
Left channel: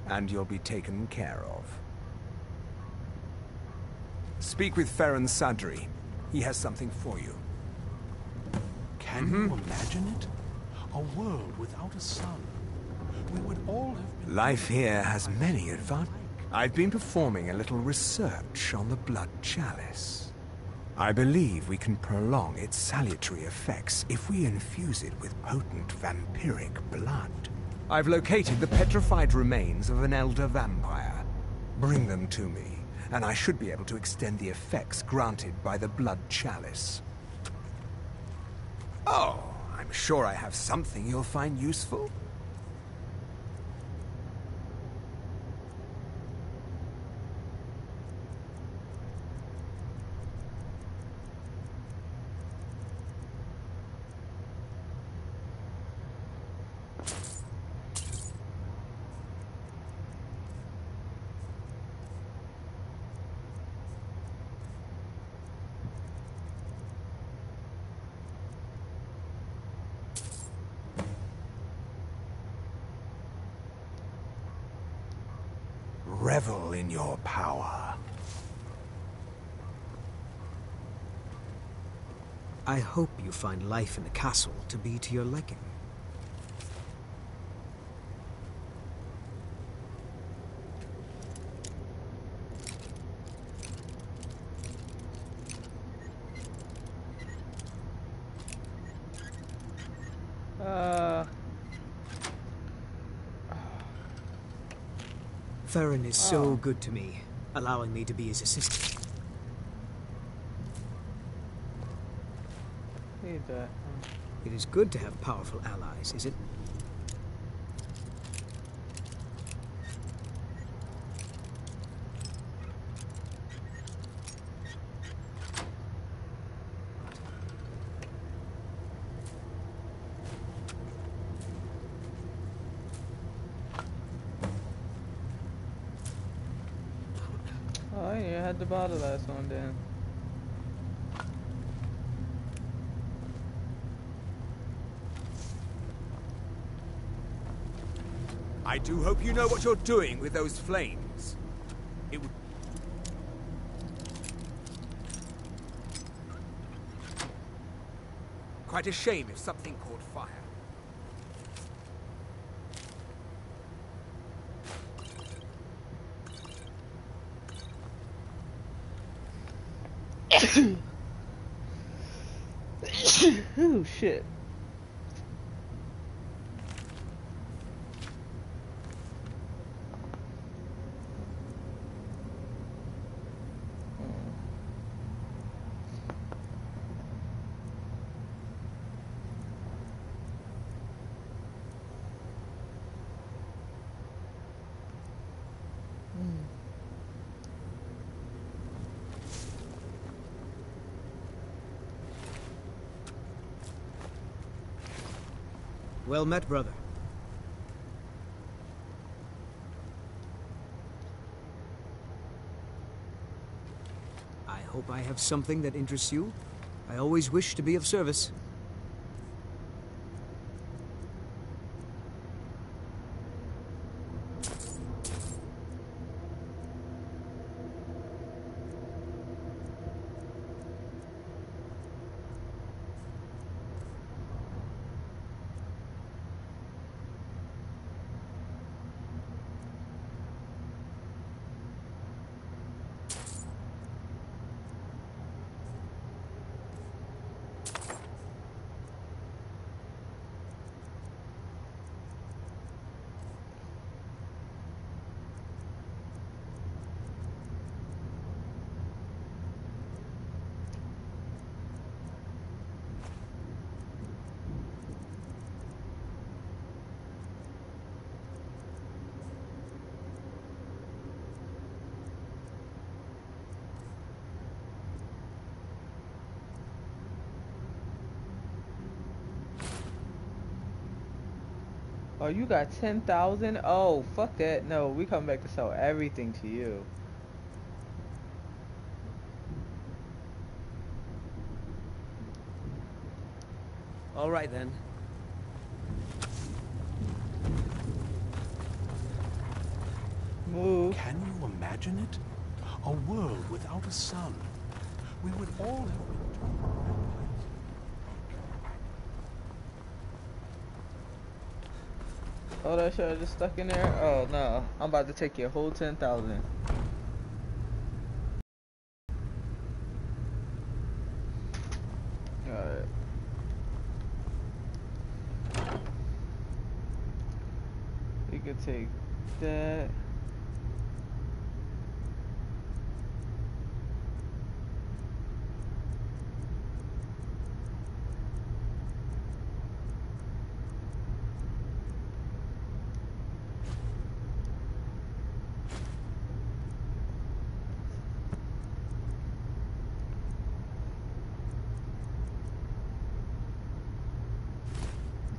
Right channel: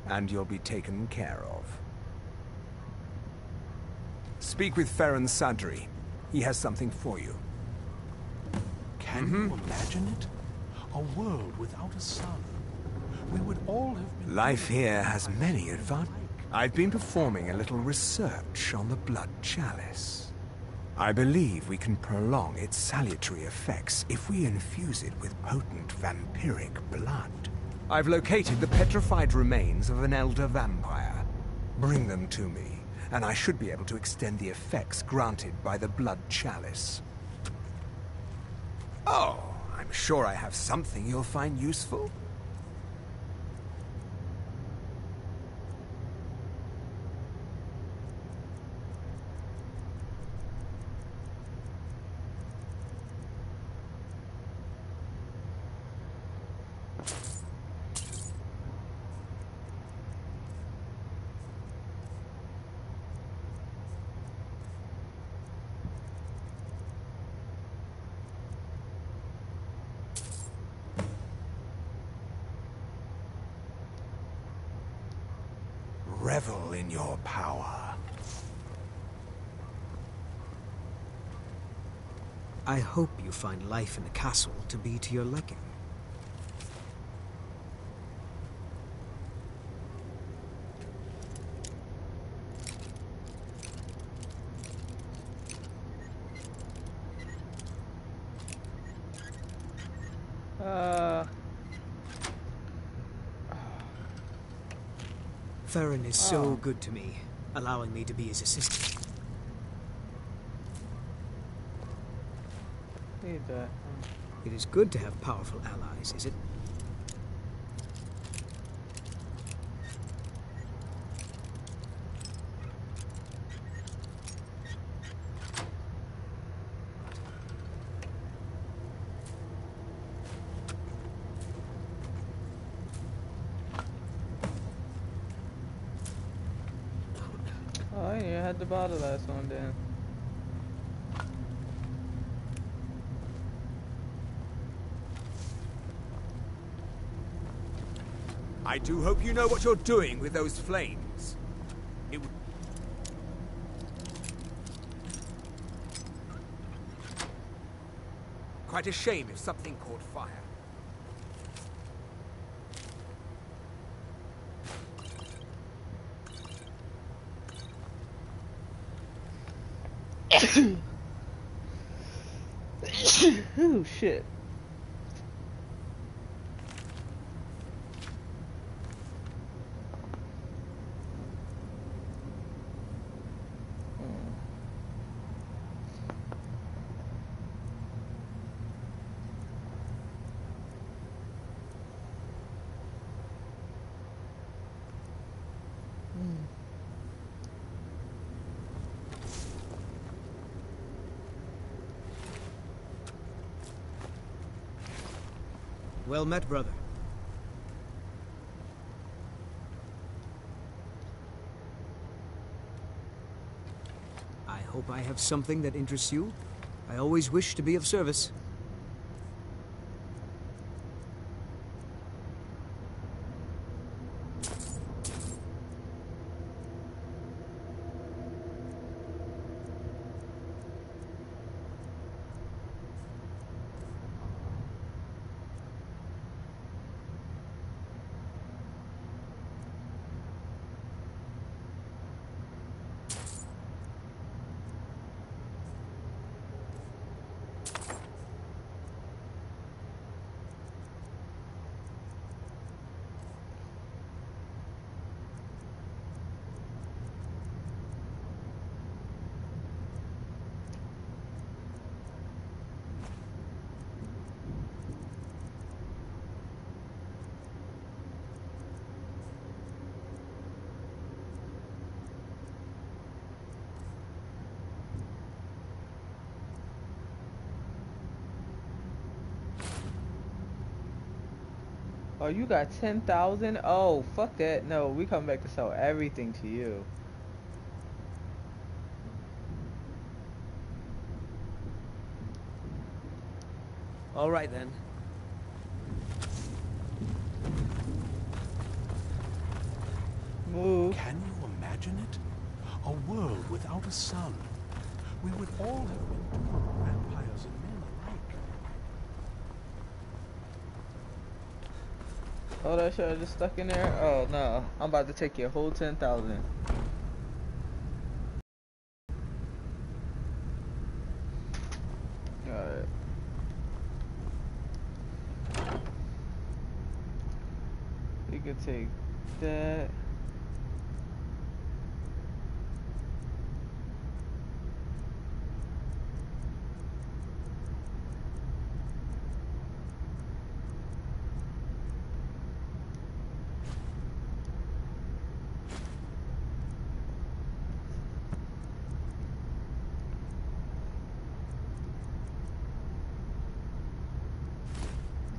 and you'll be taken care of. Speak with Farron Sadri. He has something for you. Can you imagine it? A world without a sun. We would all have been... Life here has many advantages. I've been performing a little research on the Blood Chalice. I believe we can prolong its salutary effects if we infuse it with potent vampiric blood. I've located the petrified remains of an elder vampire. Bring them to me, and I should be able to extend the effects granted by the Blood Chalice. Oh, I'm sure I have something you'll find useful. Revel in your power. I hope you find life in the castle to be to your liking. Farron is so good to me, allowing me to be his assistant. Need that. It is good to have powerful allies, is it? Oh, I didn't had to buy the last one then. I do hope you know what you're doing with those flames. It would... quite a shame if something caught fire. Oh shit. Well met, brother. I hope I have something that interests you. I always wish to be of service. Oh, you got 10,000? Oh, fuck that. No, we come back to sell everything to you. All right, then. Move. Can you imagine it? A world without a sun. We would all have been doomed, vampires and men alike. Oh, that shit just stuck in there? Oh, no. I'm about to take your whole 10,000. Alright. You could take that.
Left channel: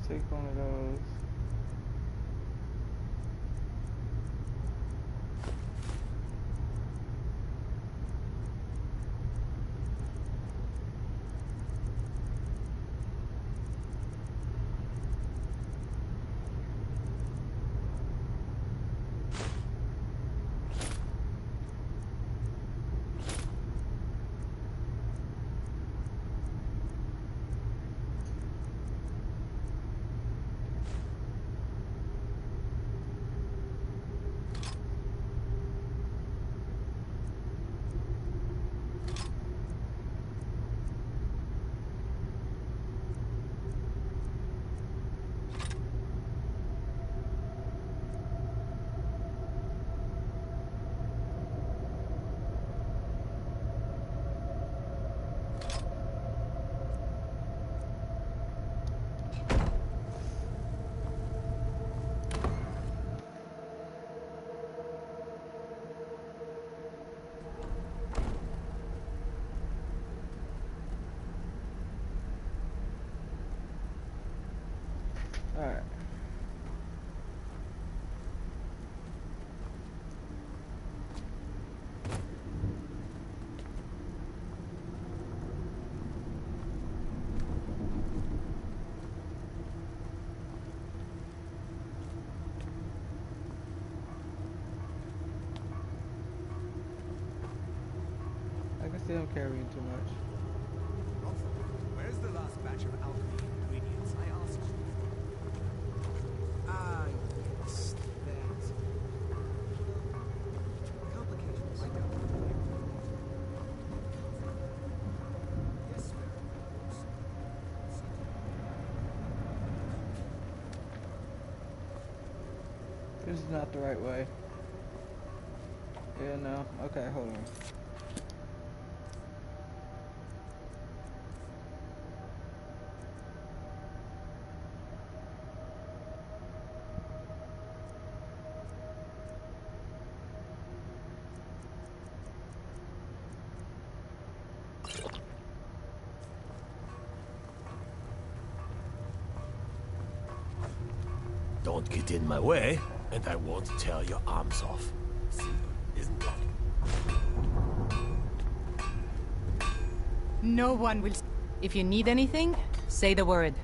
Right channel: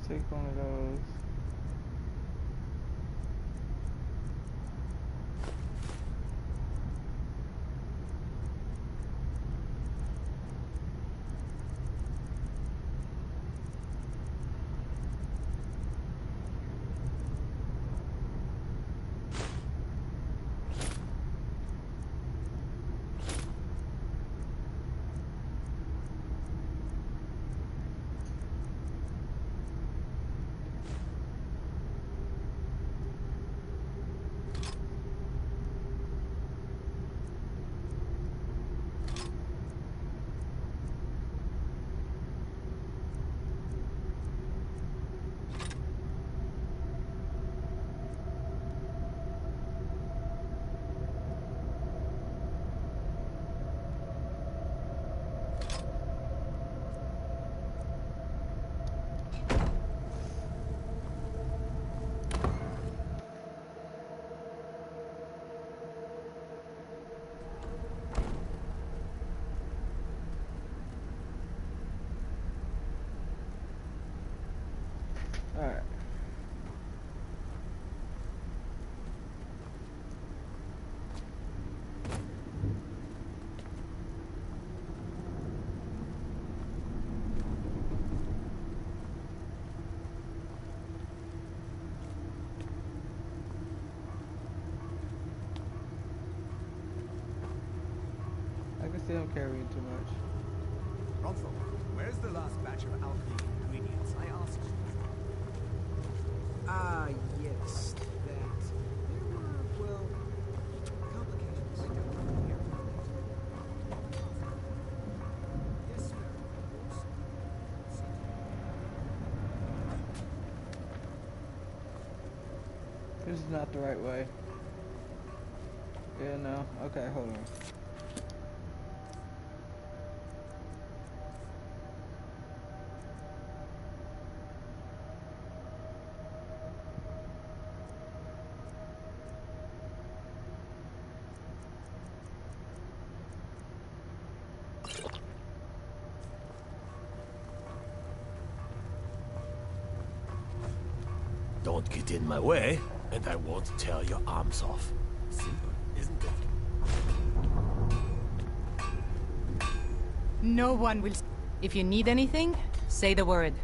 Take one of those. Alright. I can see I'm carrying too much. Where's the last batch of alchemy ingredients I asked for? Ah, yes, that. Well, complications. Yes, sir. This is not the right way. Yeah, no. Okay, hold on. Don't get in my way, and I won't tear your arms off. Simple, isn't it? No one will... If you need anything, say the word.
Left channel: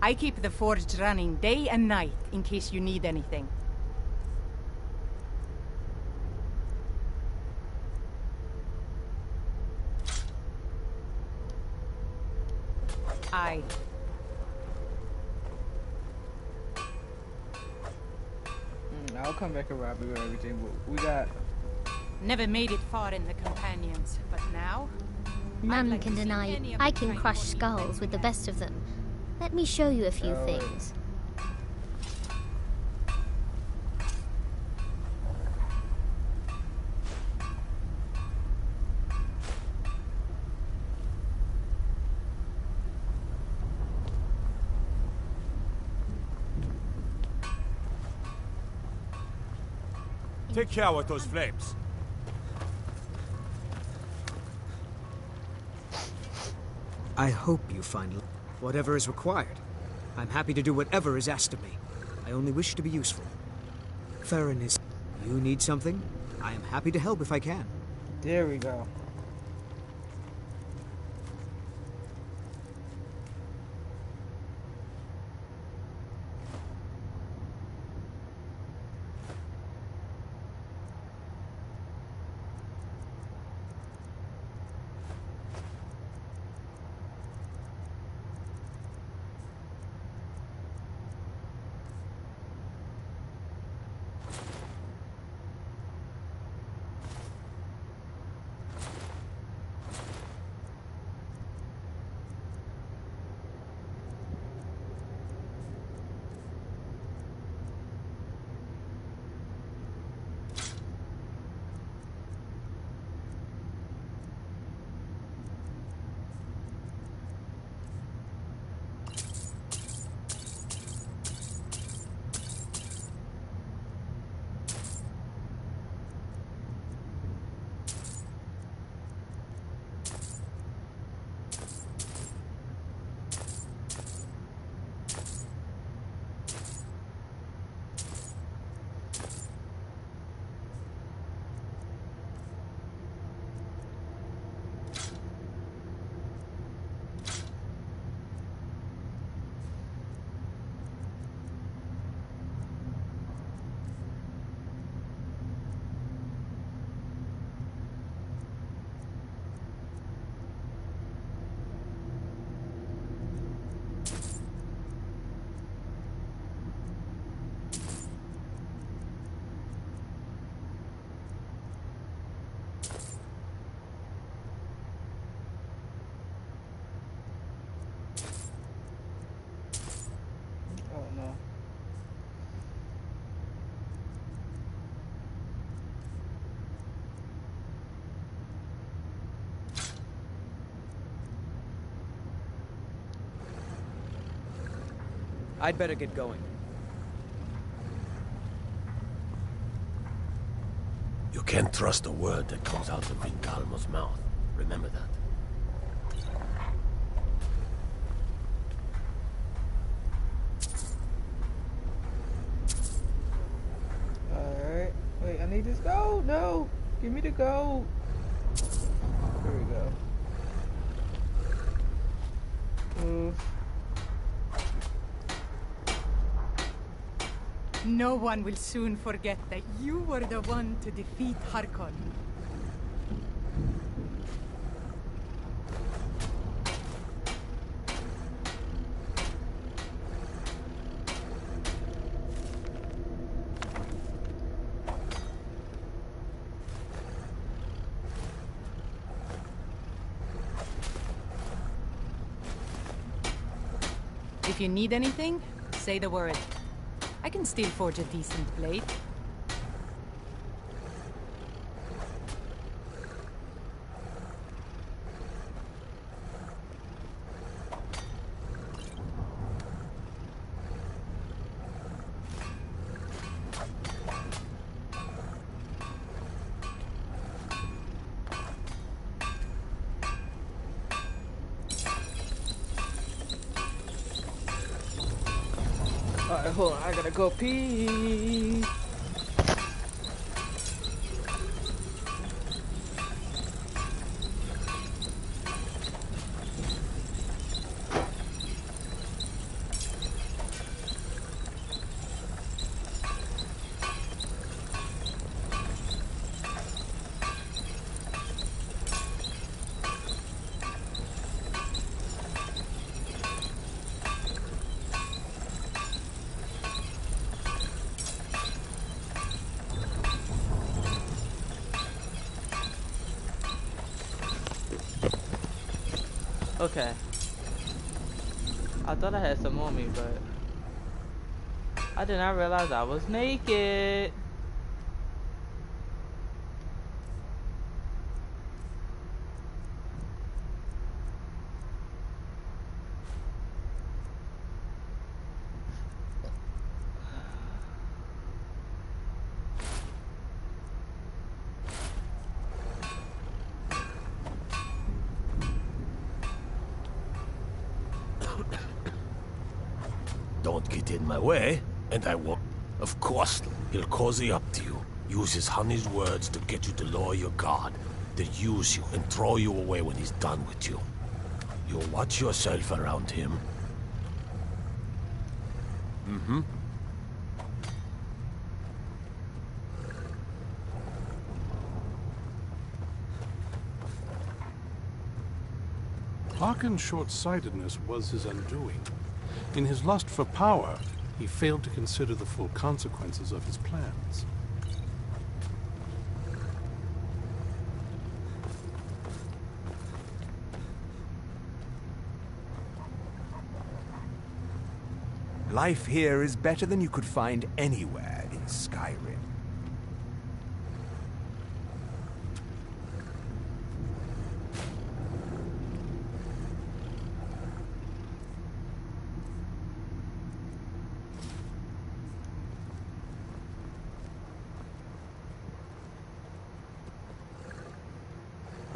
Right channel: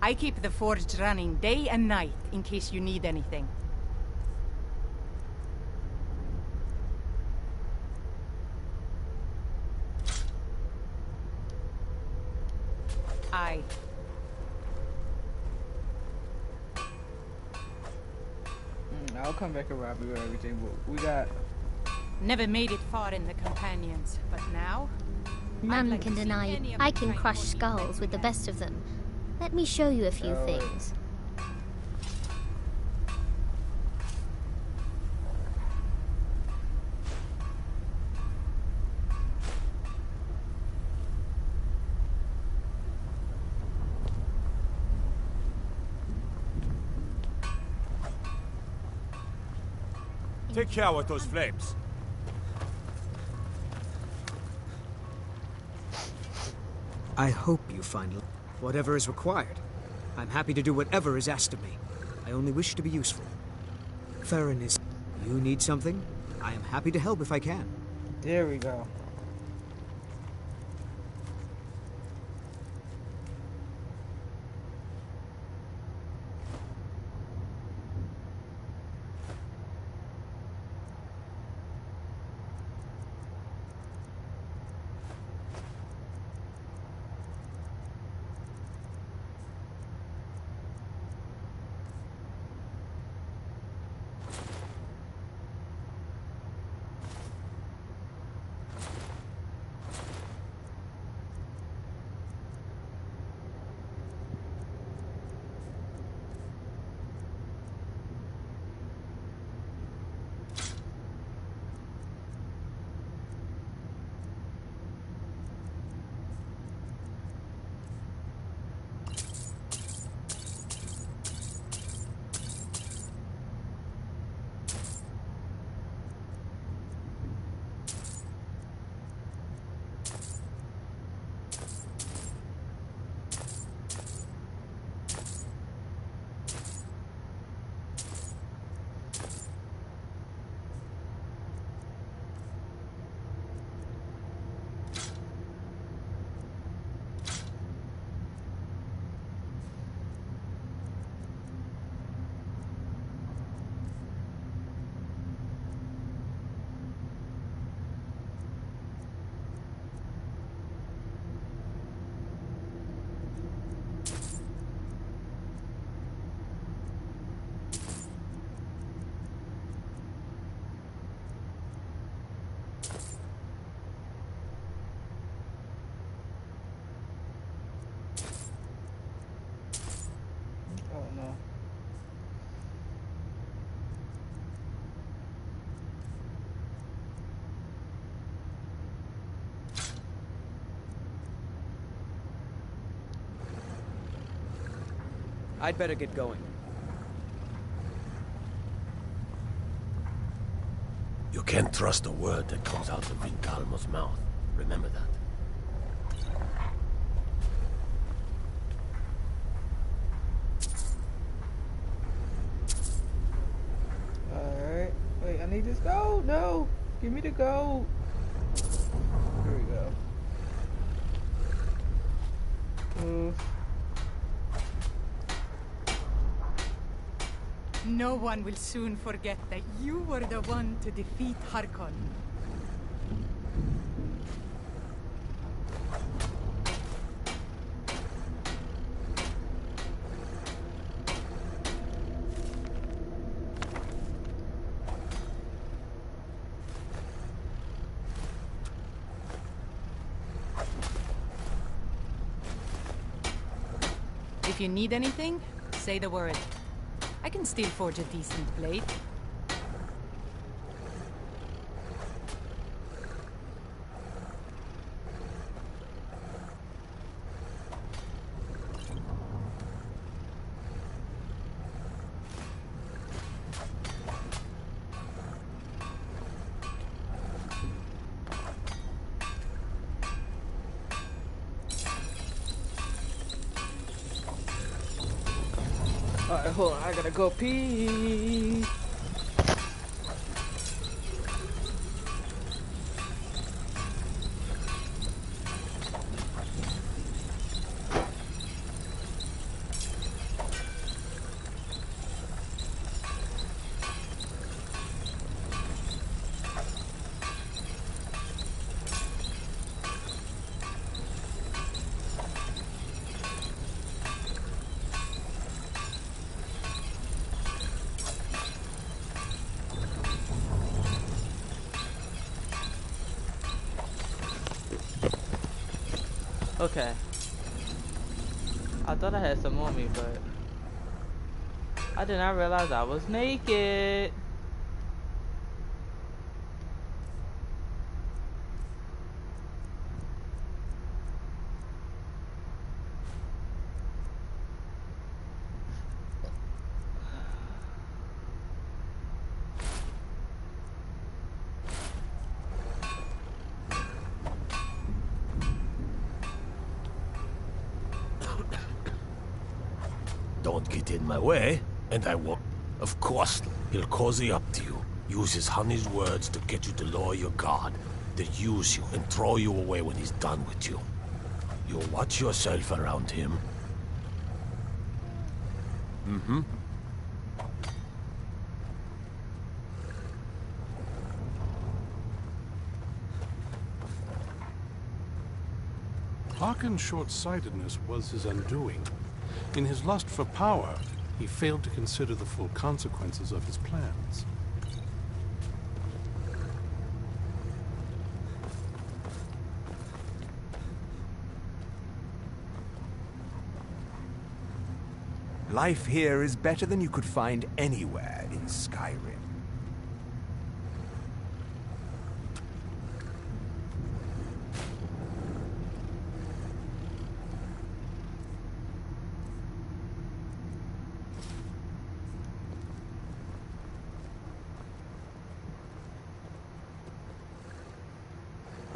I keep the forge running day and night in case you need anything. Aye. I'll come back and rob you or everything, but we got... Never made it far in the companions, but now... None can deny I can crush skulls with the best of them. Let me show you a few things. Take care with those flames. I hope you find whatever is required. I'm happy to do whatever is asked of me. I only wish to be useful. Farron is... You need something? I am happy to help if I can. There we go. Oh no. I'd better get going. You can't trust a word that comes out of Vingalmo's mouth. Remember that. Alright. Wait, I need this gold. No! Give me the gold. Here we go. No one will soon forget that you were the one to defeat Harkon. If you need anything, say the word. I can still forge a decent blade. Alright, hold on, I gotta go pee. Okay. I thought I had some on me, but I did not realize I was naked. Don't get in my way, and I won't. Of course, he'll cozy up to you, use his honey's words to get you to lower your guard, then use you and throw you away when he's done with you. You watch yourself around him. Mm-hmm. Harkon's short-sightedness was his undoing. In his lust for power, he failed to consider the full consequences of his plans. Life here is better than you could find anywhere in Skyrim.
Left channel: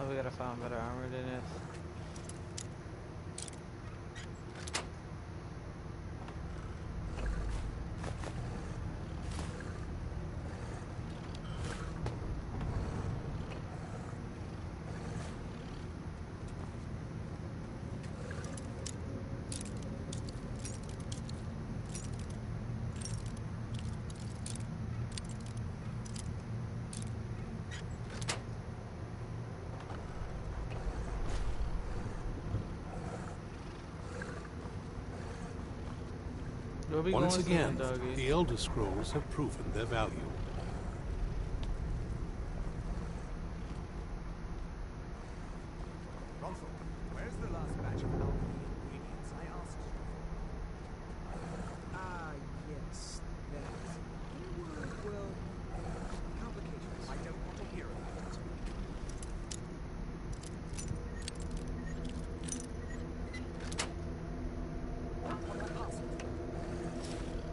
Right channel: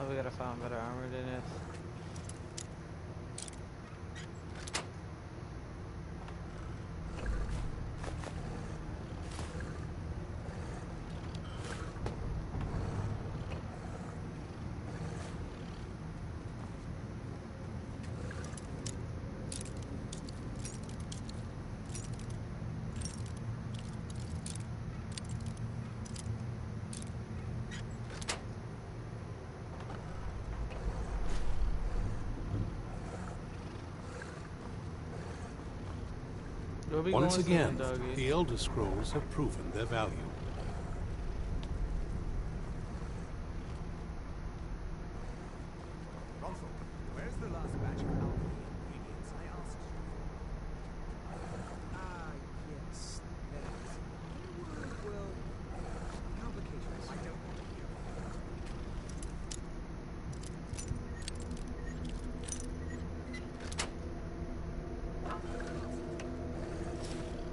Oh, we gotta find better armor than this. Once again, the Elder Scrolls have proven their value. Where's the last batch of alchemy ingredients I asked you? Ah, yes. There were, well, complications. I don't want to hear about it.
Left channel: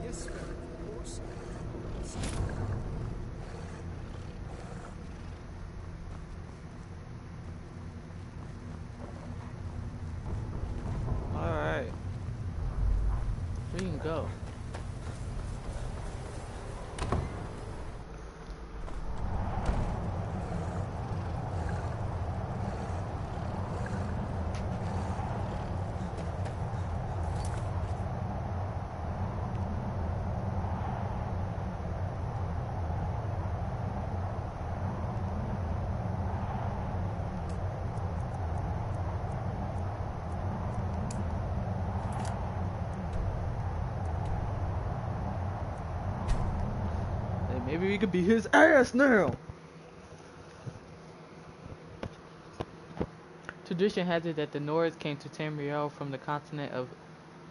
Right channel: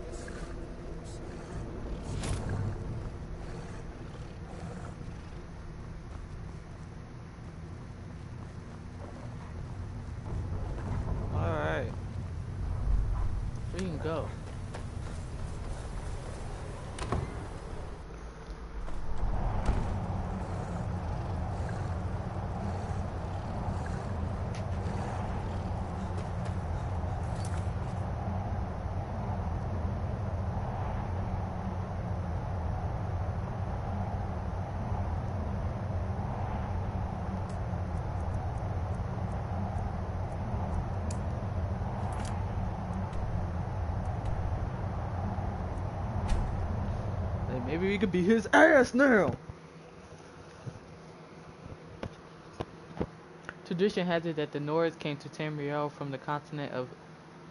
Yes, sir. Of course. Alright. We can go. Maybe we could beat his ass now. Tradition has it that the Nords came to Tamriel from the continent of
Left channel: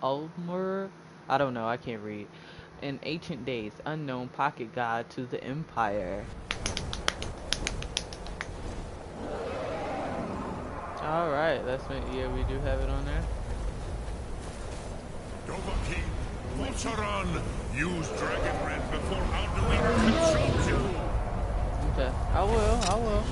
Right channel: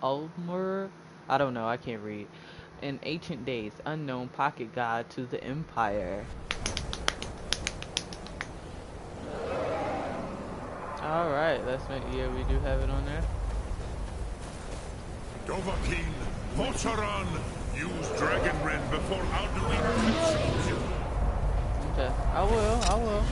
Ulmer? I don't know, I can't read. In ancient days, unknown pocket god to the Empire. Alright, let's make, yeah, we do have it on there. Dovahkiin, Vocharan, use Dragon Rend before Alduin consumes you. Okay, I will.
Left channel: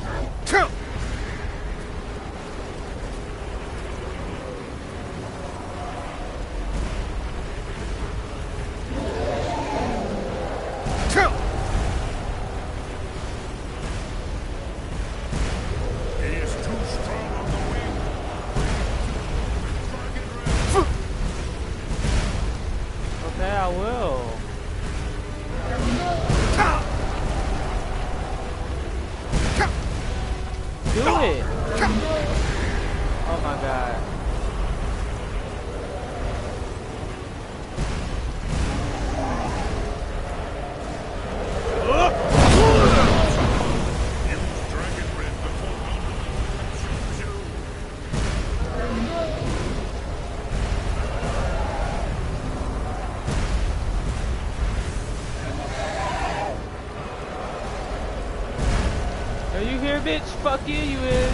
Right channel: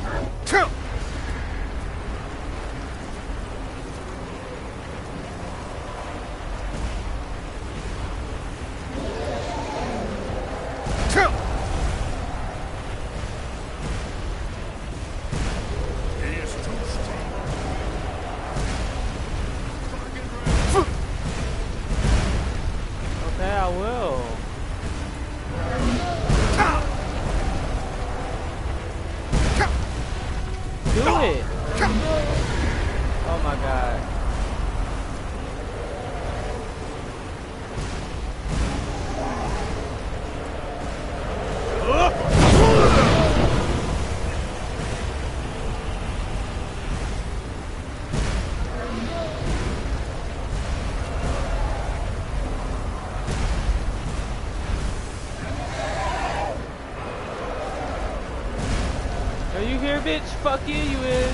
Bitch, fuck you, you is.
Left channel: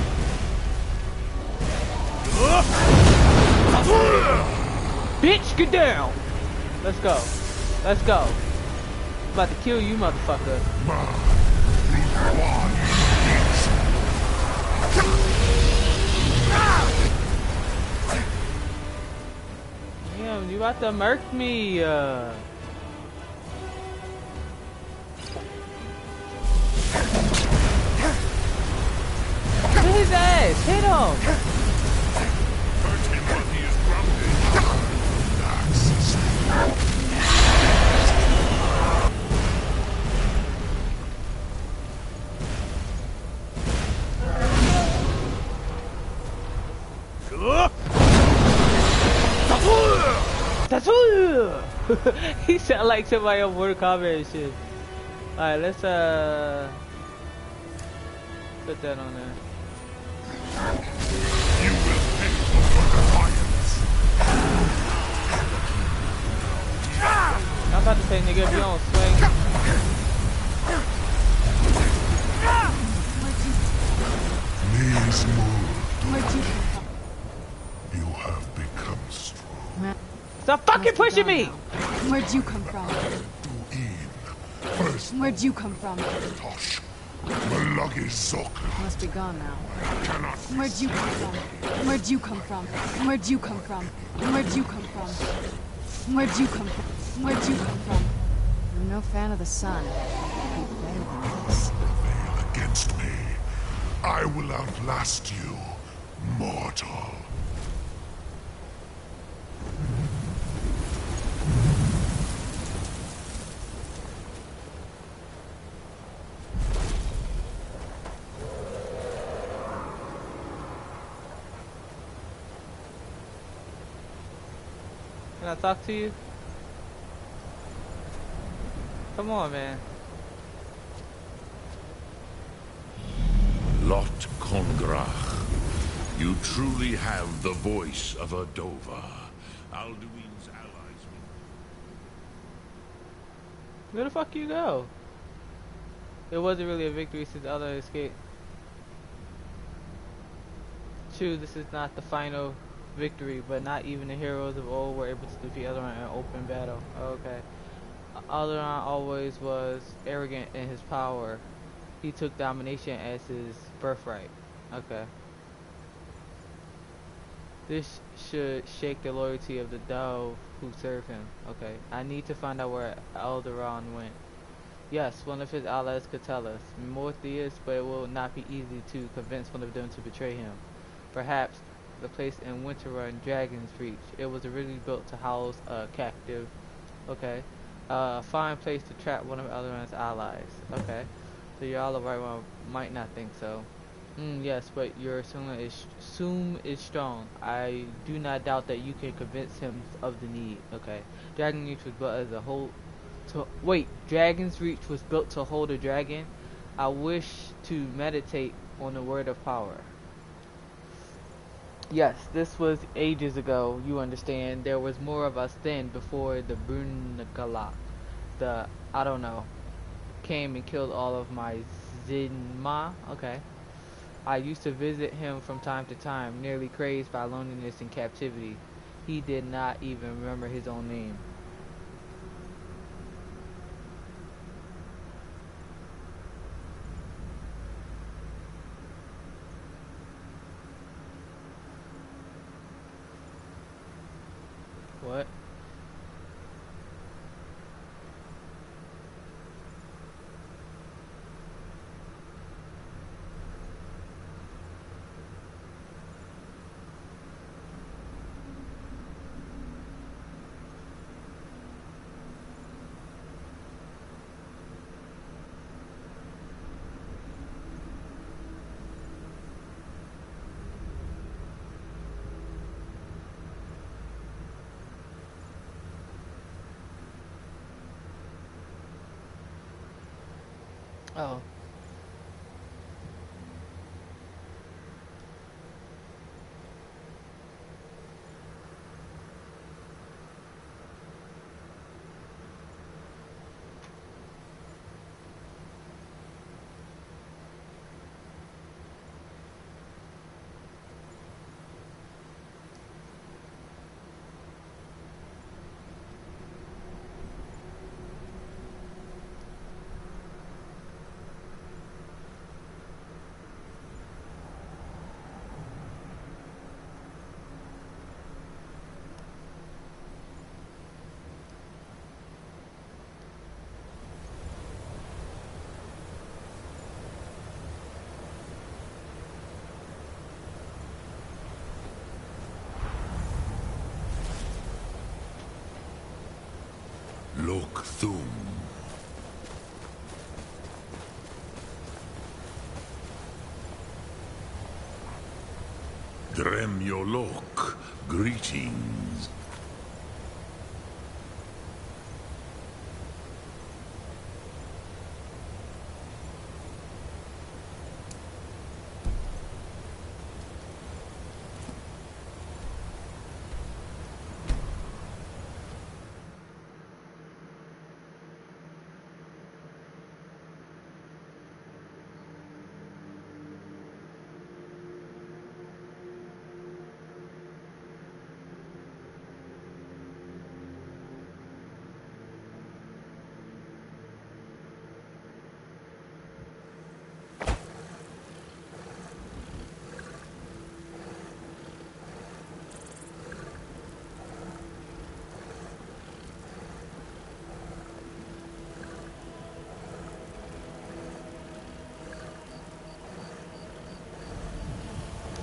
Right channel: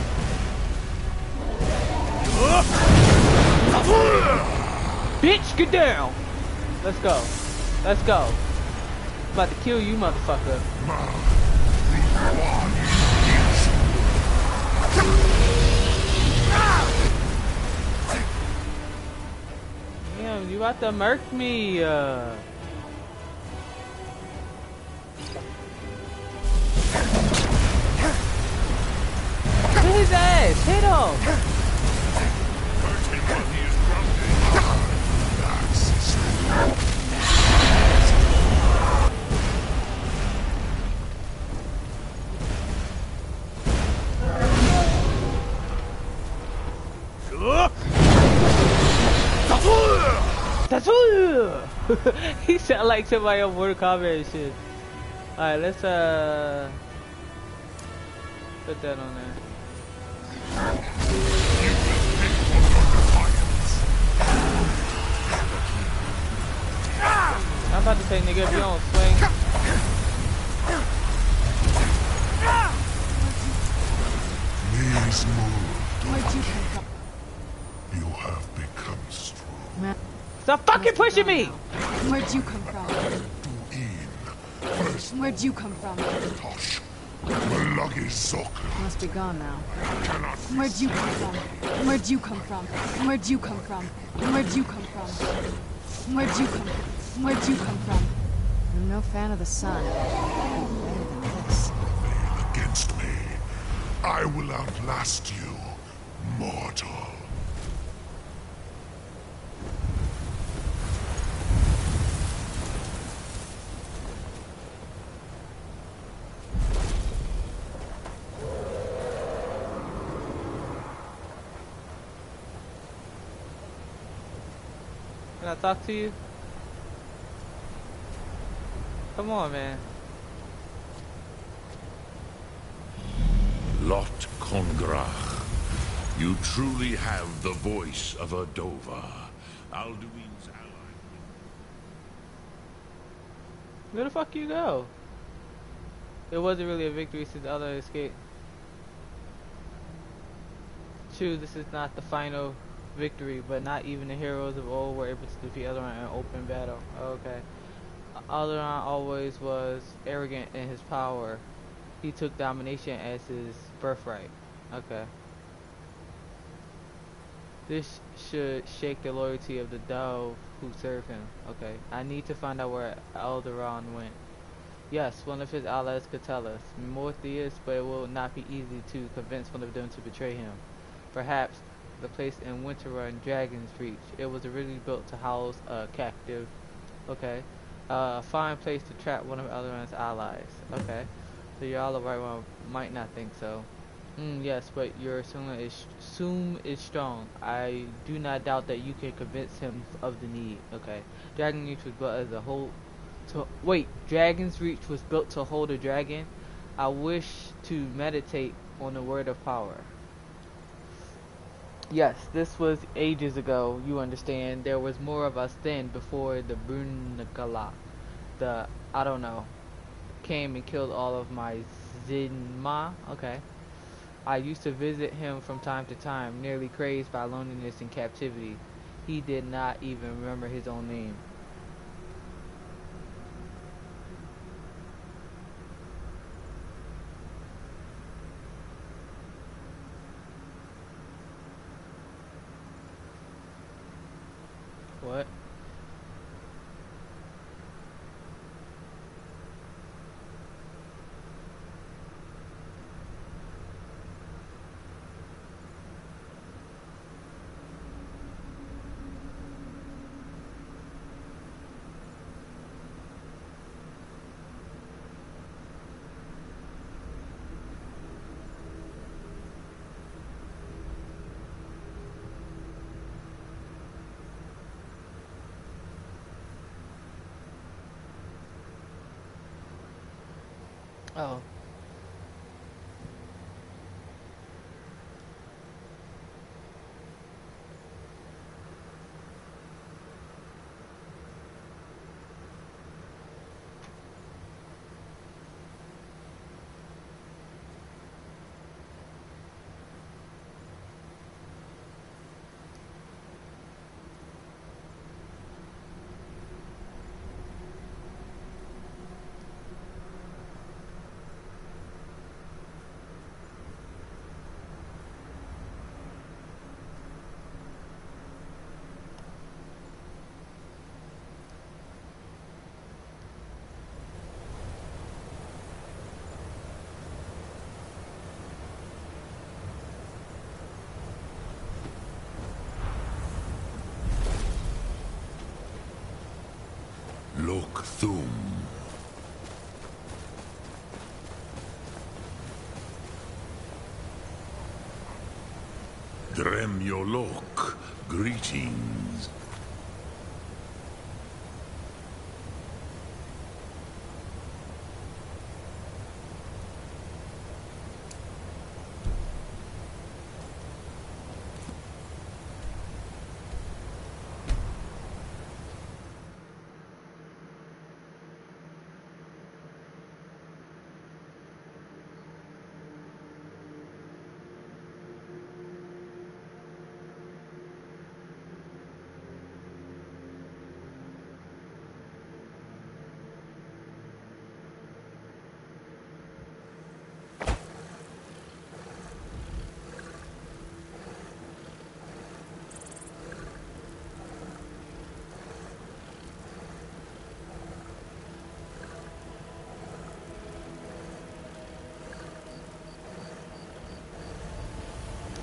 Bitch, get down. Let's go. Let's go. I'm about to kill you, motherfucker. Damn, you about to murk me. Hit his ass! Hit him! Hurt him while he is grounded. He sound like somebody on Mortal Kombat and shit. Alright, let's put that on there. You will pay for your defiance. I'm about to say, nigga, if you don't swing. Knees move. You have become strong. Stop fucking pushing me! Where'd you come from? Where'd you come from? Must be gone now. Where'd you come from? Where'd you come from? Where'd you come from? Where'd you come from? Where'd you come from? Where'd you come from? I'm no fan of the sun. Better than this. Prevail against me. I will outlast you, mortal. Can I talk to you? Come on, man. Lot Kongrach, you truly have the voice of a Dova. Alduin's allies will... Where the fuck you go? It wasn't really a victory since Alduin escaped. True, this is not the final victory, but not even the heroes of old were able to defeat Alduin in open battle. Okay. Alduin always was arrogant in his power. He took domination as his birthright. Okay. This should shake the loyalty of the dove who serve him. Okay. I need to find out where Alduin went. Yes, one of his allies could tell us more theists, but it will not be easy to convince one of them to betray him. Perhaps the place in Winterrun, Dragon's Reach. It was originally built to house a captive. Okay. A fine place to trap one of Alduin's allies. Okay. So y'all the right one might not think so. Yes, but your assume is strong. I do not doubt that you can convince him of the need. Okay. Dragon's Reach was built as a whole Dragon's Reach was built to hold a dragon. I wish to meditate on the word of power. Yes, this was ages ago, you understand. There was more of us then before the Brunagala, I don't know, came and killed all of my Zinma. Okay. I used to visit him from time to time, nearly crazed by loneliness and captivity. He did not even remember his own name. What? Oh. Look Thum. Dremyolok, greetings.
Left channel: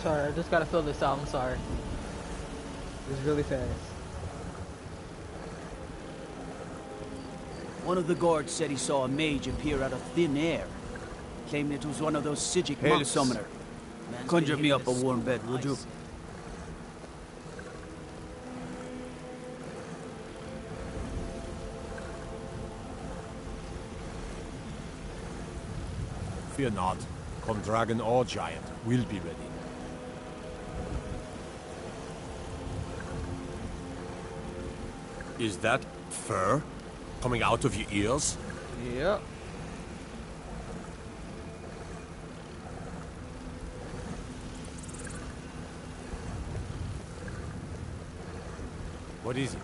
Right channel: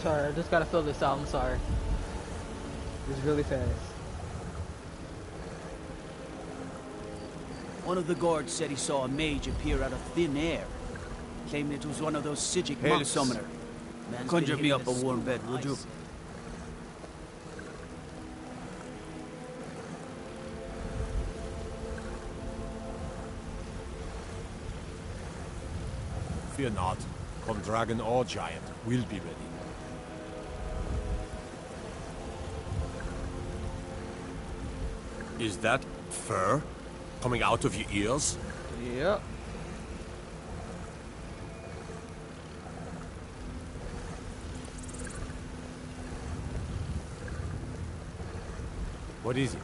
Sorry, I just gotta fill this out. I'm sorry. It's really fast. One of the guards said he saw a mage appear out of thin air. Claimed it was one of those Sijic monk summoner. Conjure me up a warm bed, would you? Fear not. Come dragon or giant, we'll be ready. Is that fur coming out of your ears? Yep. What is it?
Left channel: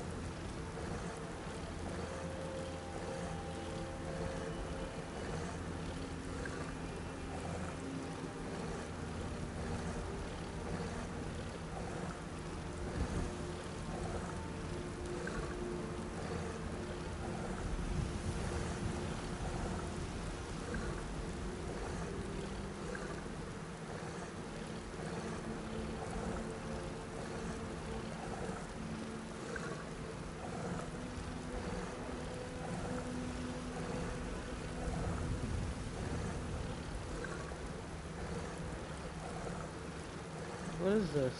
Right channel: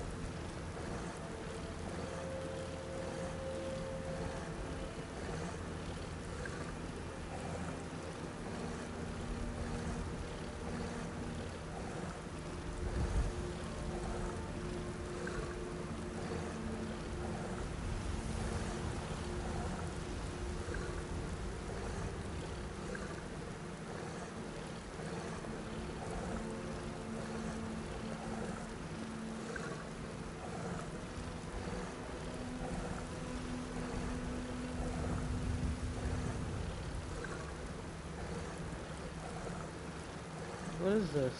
What is this?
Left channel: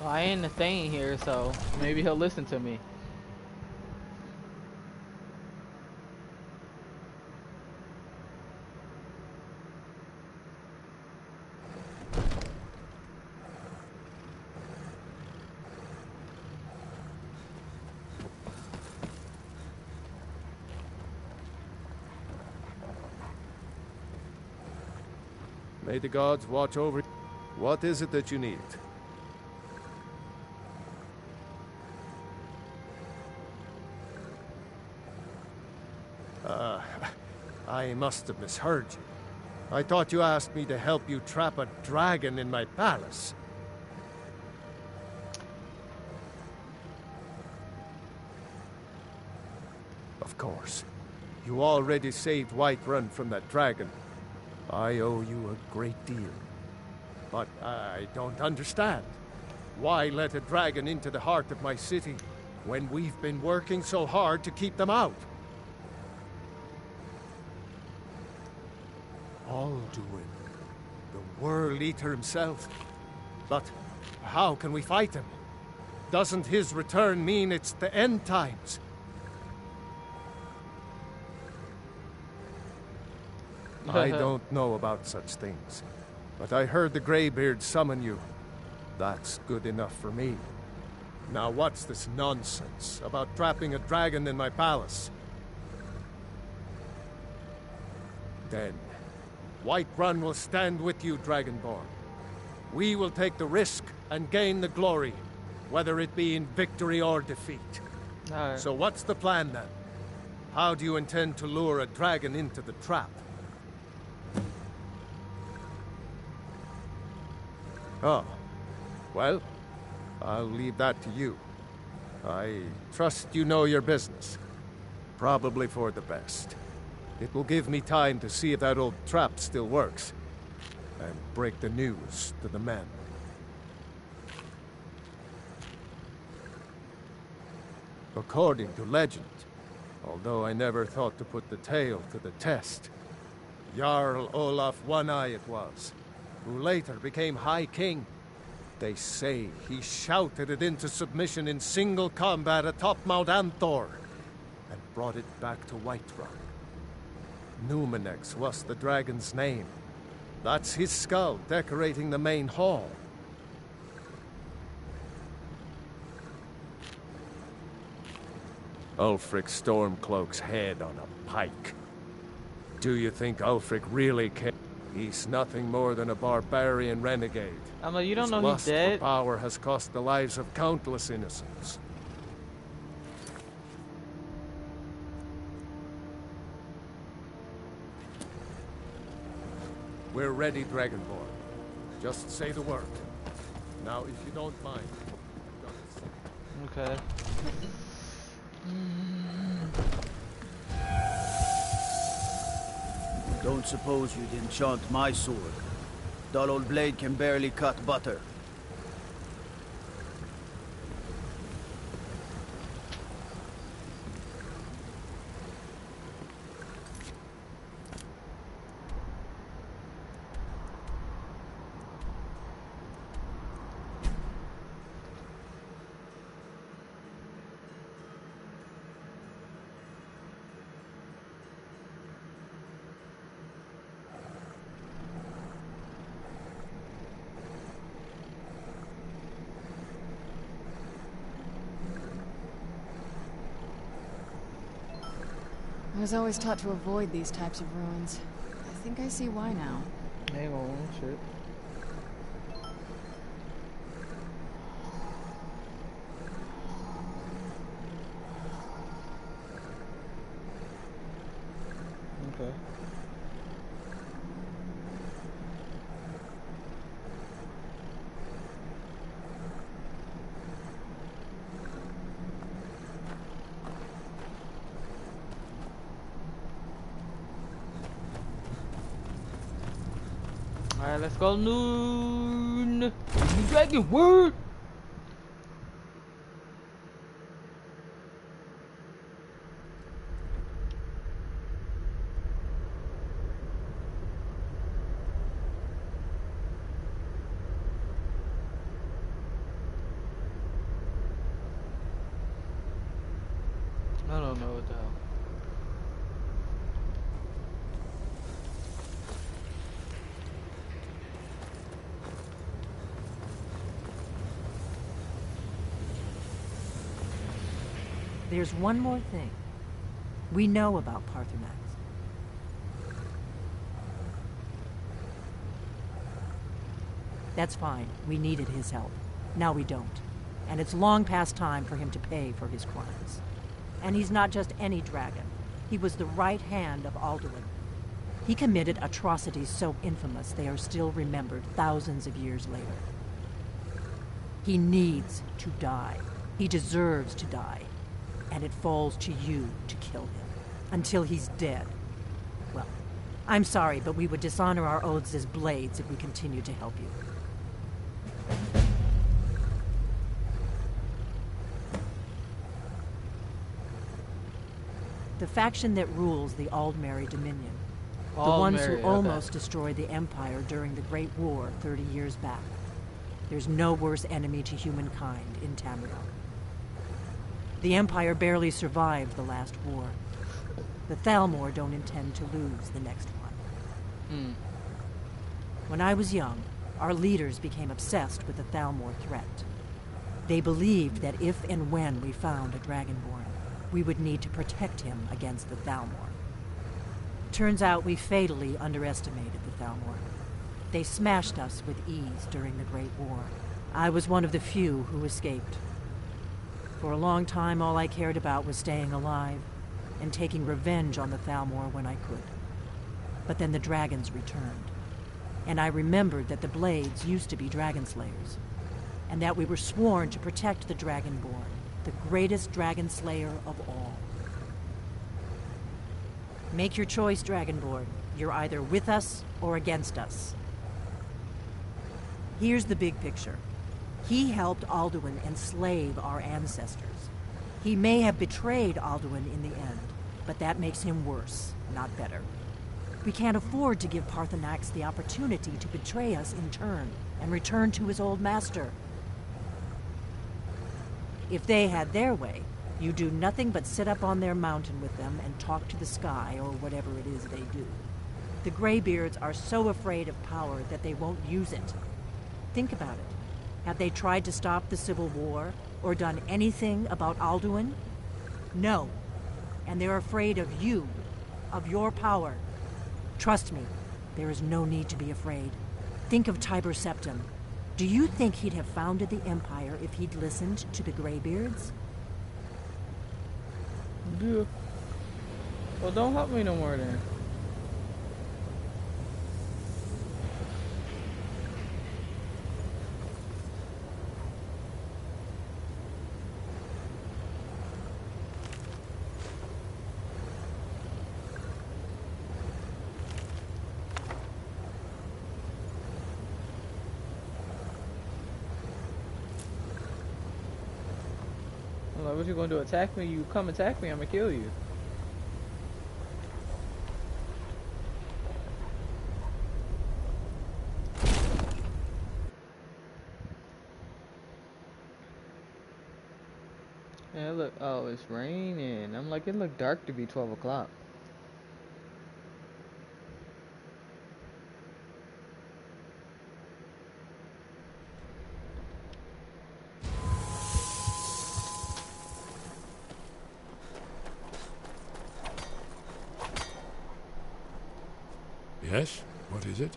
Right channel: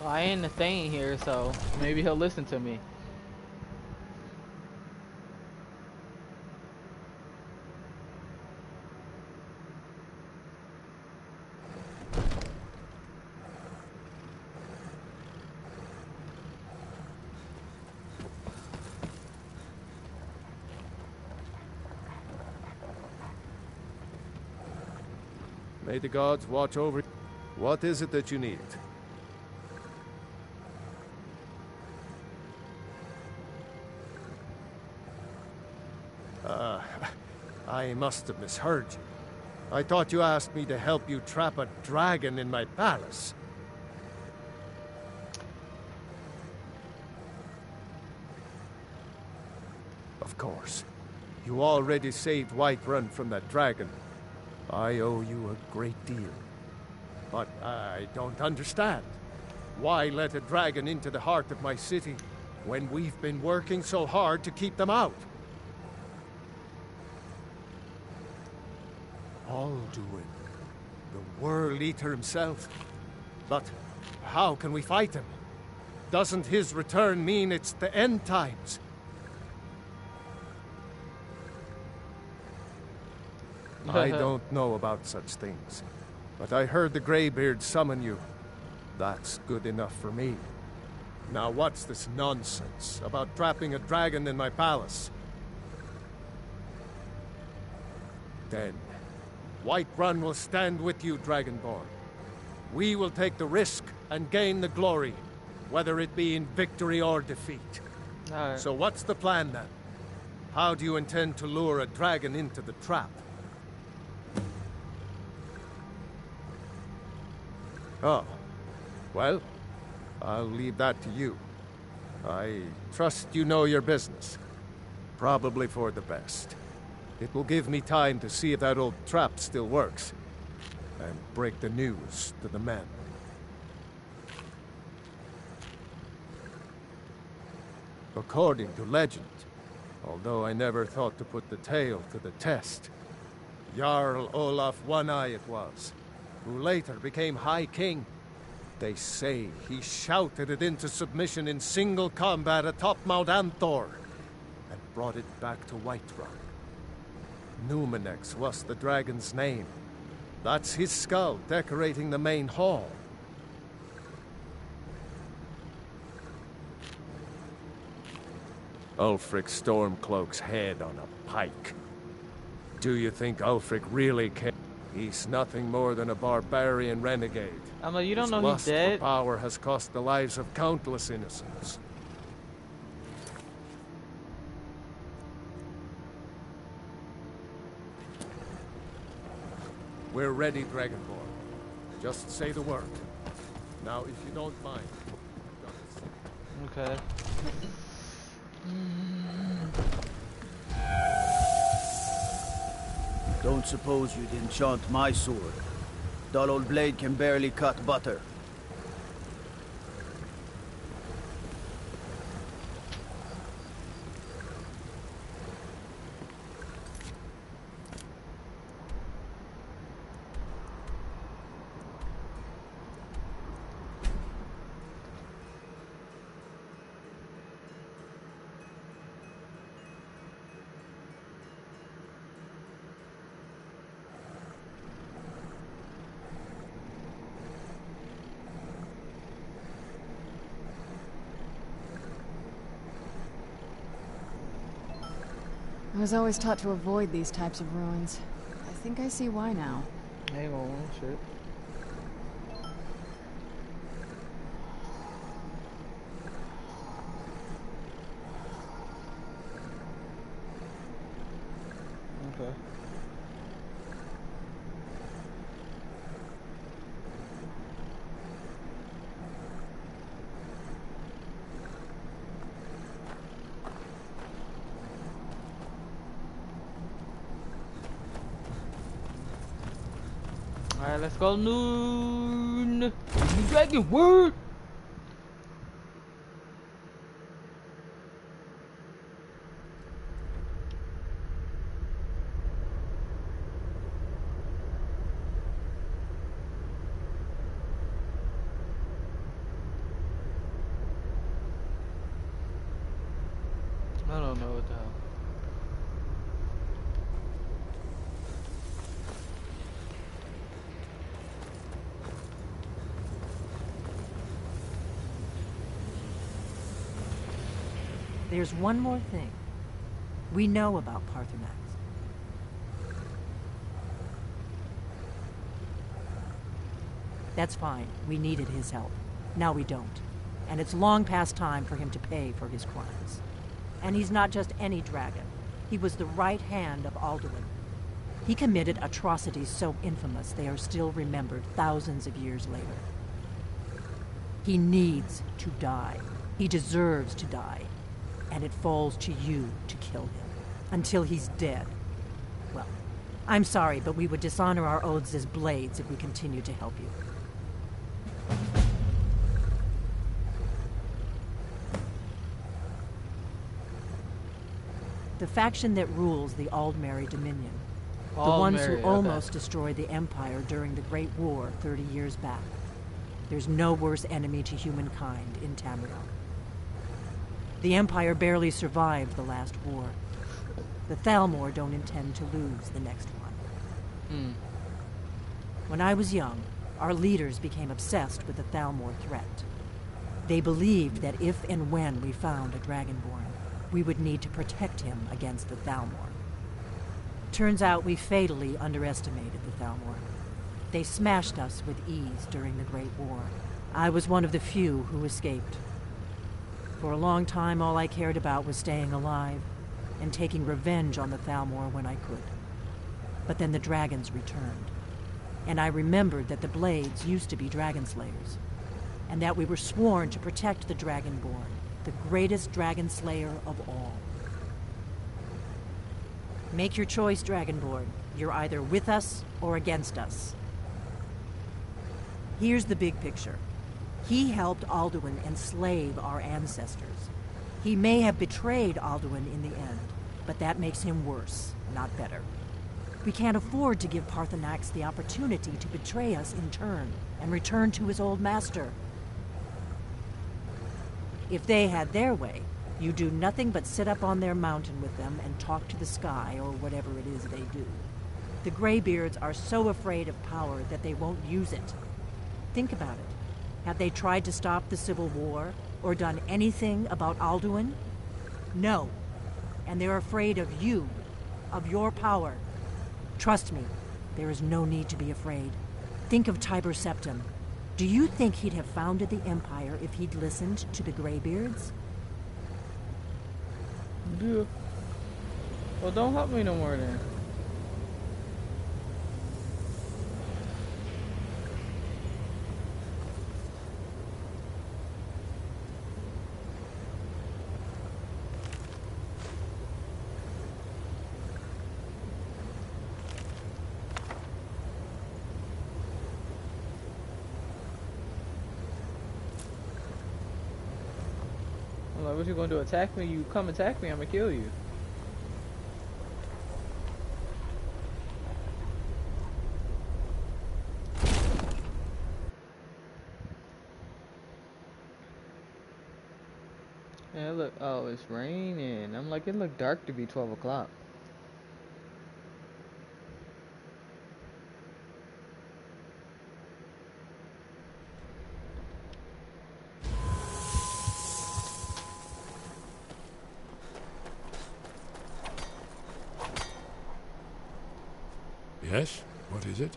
Well, I ain't a thing here, so maybe he'll listen to me. May the gods watch over you. What is it that you need? I must have misheard you. I thought you asked me to help you trap a dragon in my palace. Of course. You already saved Whiterun from that dragon. I owe you a great deal. But I don't understand. Why let a dragon into the heart of my city when we've been working so hard to keep them out? Alduin, the World Eater himself. But how can we fight him? Doesn't his return mean it's the end times? I don't know about such things, but I heard the Greybeard summon you. That's good enough for me. Now what's this nonsense about trapping a dragon in my palace? Then, Whiterun will stand with you, Dragonborn. We will take the risk and gain the glory, whether it be in victory or defeat. So what's the plan then? How do you intend to lure a dragon into the trap? Oh, well, I'll leave that to you. I trust you know your business. Probably for the best. It will give me time to see if that old trap still works, and break the news to the men. According to legend, although I never thought to put the tale to the test, Jarl Olaf One-Eye it was, who later became High King. They say he shouted it into submission in single combat atop Mount Anthor, and brought it back to Whiterun. Numenex was the dragon's name. That's his skull decorating the main hall. Ulfric Stormcloak's head on a pike. Do you think Ulfric really cares? He's nothing more than a barbarian renegade. I'm like, you don't know he's His lust dead? for power has cost the lives of countless innocents. We're ready, Dragonborn. Just say the word. Now, if you don't mind. Okay. Don't suppose you'd enchant my sword. Dull old blade can barely cut butter. I was always taught to avoid these types of ruins. I think I see why now. Hang on, shit. Okay. Alright, let's go noon. Dragon word. I don't know what the hell. There's one more thing. We know about Parthenax. That's fine. We needed his help. Now we don't. And it's long past time for him to pay for his crimes. And he's not just any dragon. He was the right hand of Alduin. He committed atrocities so infamous they are still remembered thousands of years later. He needs to die. He deserves to die. And it falls to you to kill him. Until he's dead. Well, I'm sorry, but we would dishonor our oaths as blades if we continue to help you. The faction that rules the Aldmeri Dominion. The ones who almost destroyed the Empire during the Great War 30 years back. There's no worse enemy to humankind in Tamriel. The Empire barely survived the last war. The Thalmor don't intend to lose the next one. When I was young, our leaders became obsessed with the Thalmor threat. They believed that if and when we found a Dragonborn, we would need to protect him against the Thalmor. Turns out we fatally underestimated the Thalmor. They smashed us with ease during the Great War. I was one of the few who escaped. For a long time, all I cared about was staying alive and taking revenge on the Thalmor when I could. But then the dragons returned, and I remembered that the Blades used to be dragon slayers, and that we were sworn to protect the Dragonborn, the greatest dragon slayer of all. Make your choice, Dragonborn. You're either with us or against us. Here's the big picture. He helped Alduin enslave our ancestors. He may have betrayed Alduin in the end, but that makes him worse, not better. We can't afford to give Paarthurnax the opportunity to betray us in turn and return to his old master. If they had their way, you do nothing but sit up on their mountain with them and talk to the sky or whatever it is they do. The Greybeards are so afraid of power that they won't use it. Think about it. Have they tried to stop the Civil War or done anything about Alduin? No. And they're afraid of you, of your power. Trust me, there is no need to be afraid. Think of Tiber Septim. Do you think he'd have founded the Empire if he'd listened to the Greybeards? Yeah. Well, don't help me no more then. I'm like, what you gonna do? Attack me? You come attack me, I'm gonna kill you. Yeah, look. Oh, it's raining. I'm like, it looked dark to be 12 o'clock. Yes? What is it?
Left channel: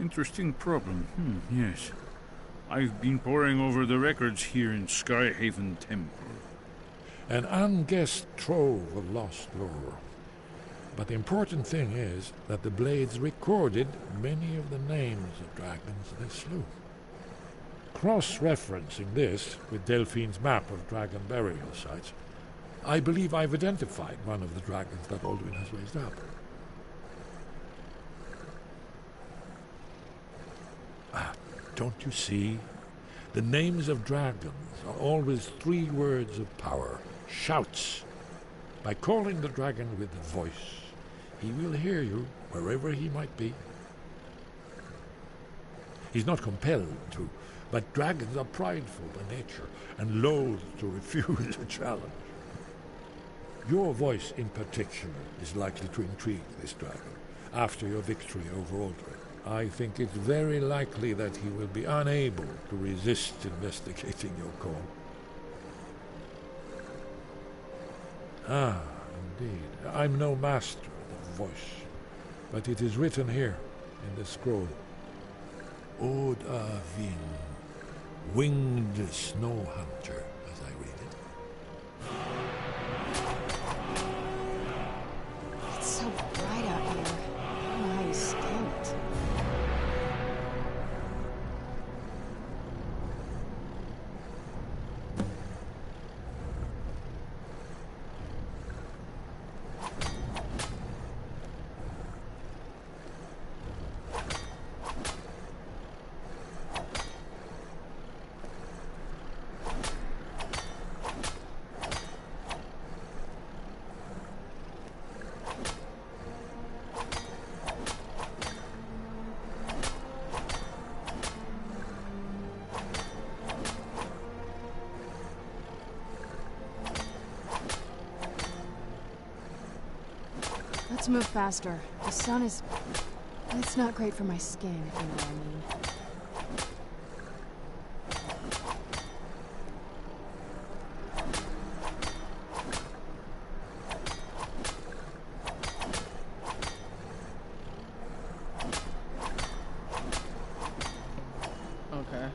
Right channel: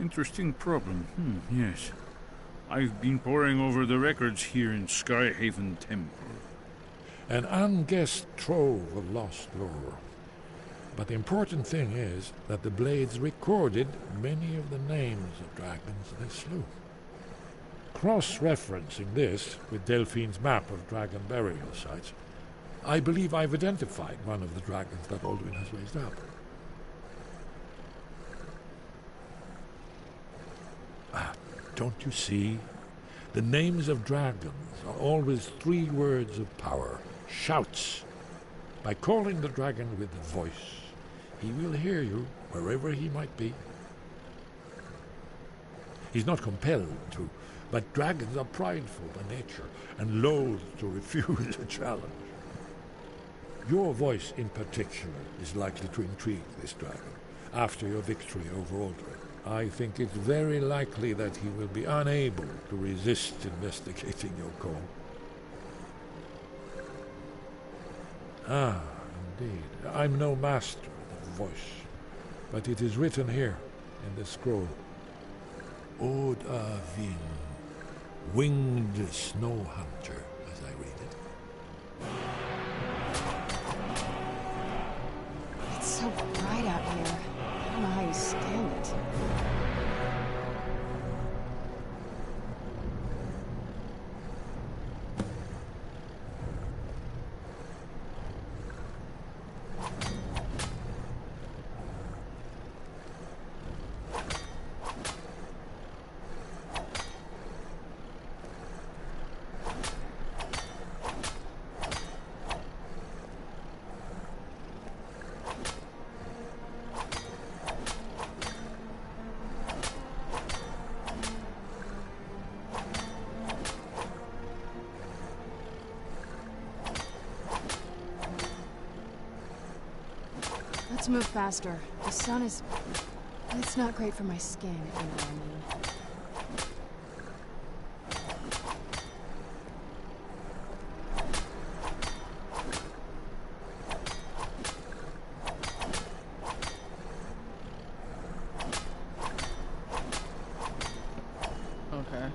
Interesting problem. Yes. I've been poring over the records here in Skyhaven Temple. An unguessed trove of lost lore. But the important thing is that the Blades recorded many of the names of dragons they slew. Cross-referencing this with Delphine's map of dragon burial sites, I believe I've identified one of the dragons that Alduin has raised up. Don't you see? The names of dragons are always 3 words of power, shouts. By calling the dragon with a voice, he will hear you wherever he might be. He's not compelled to, but dragons are prideful by nature and loath to refuse a challenge. Your voice in particular is likely to intrigue this dragon after your victory over Aldrin. I think it's very likely that he will be unable to resist investigating your call. Ah, indeed. I'm no master of the voice, but it is written here. And the scroll. Odavin, winged snow hunter, as I read it. It's so bright out here. I don't know how you stand it. Let's move faster. The sun is... It's not great for my skin, if you know what I mean. Okay.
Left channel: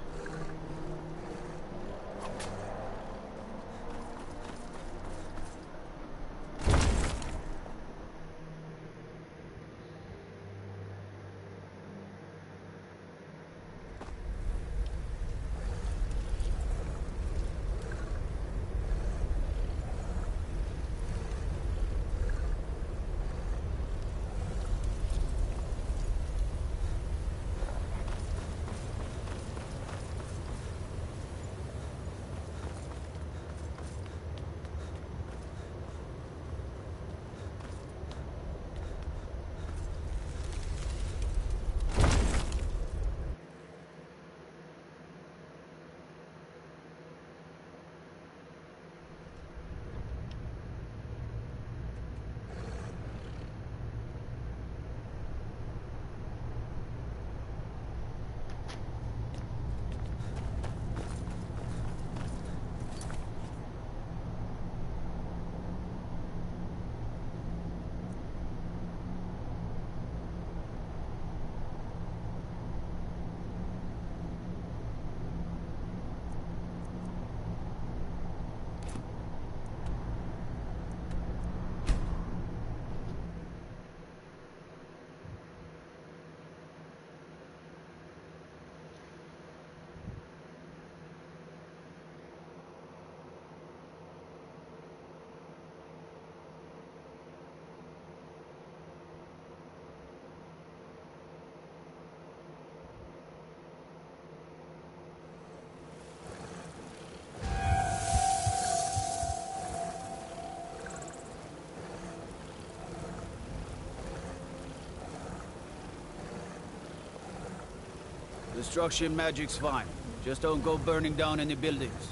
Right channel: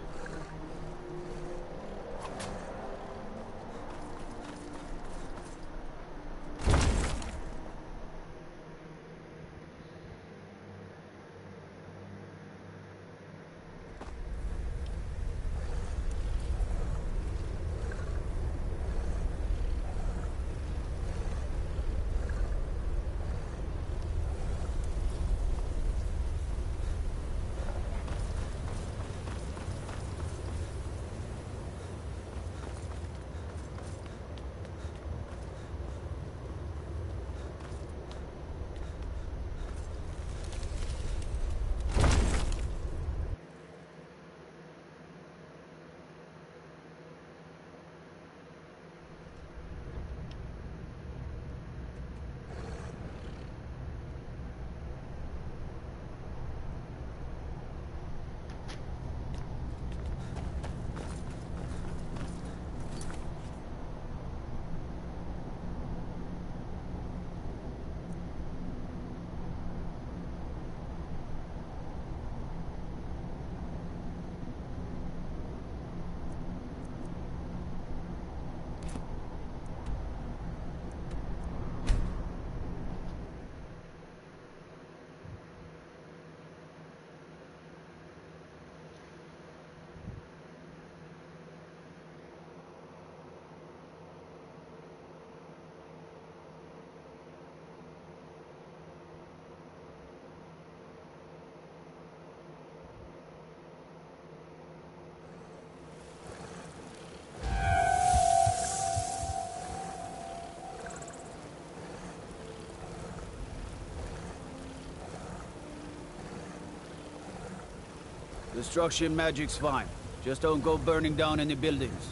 Destruction magic's fine. Just don't go burning down any buildings.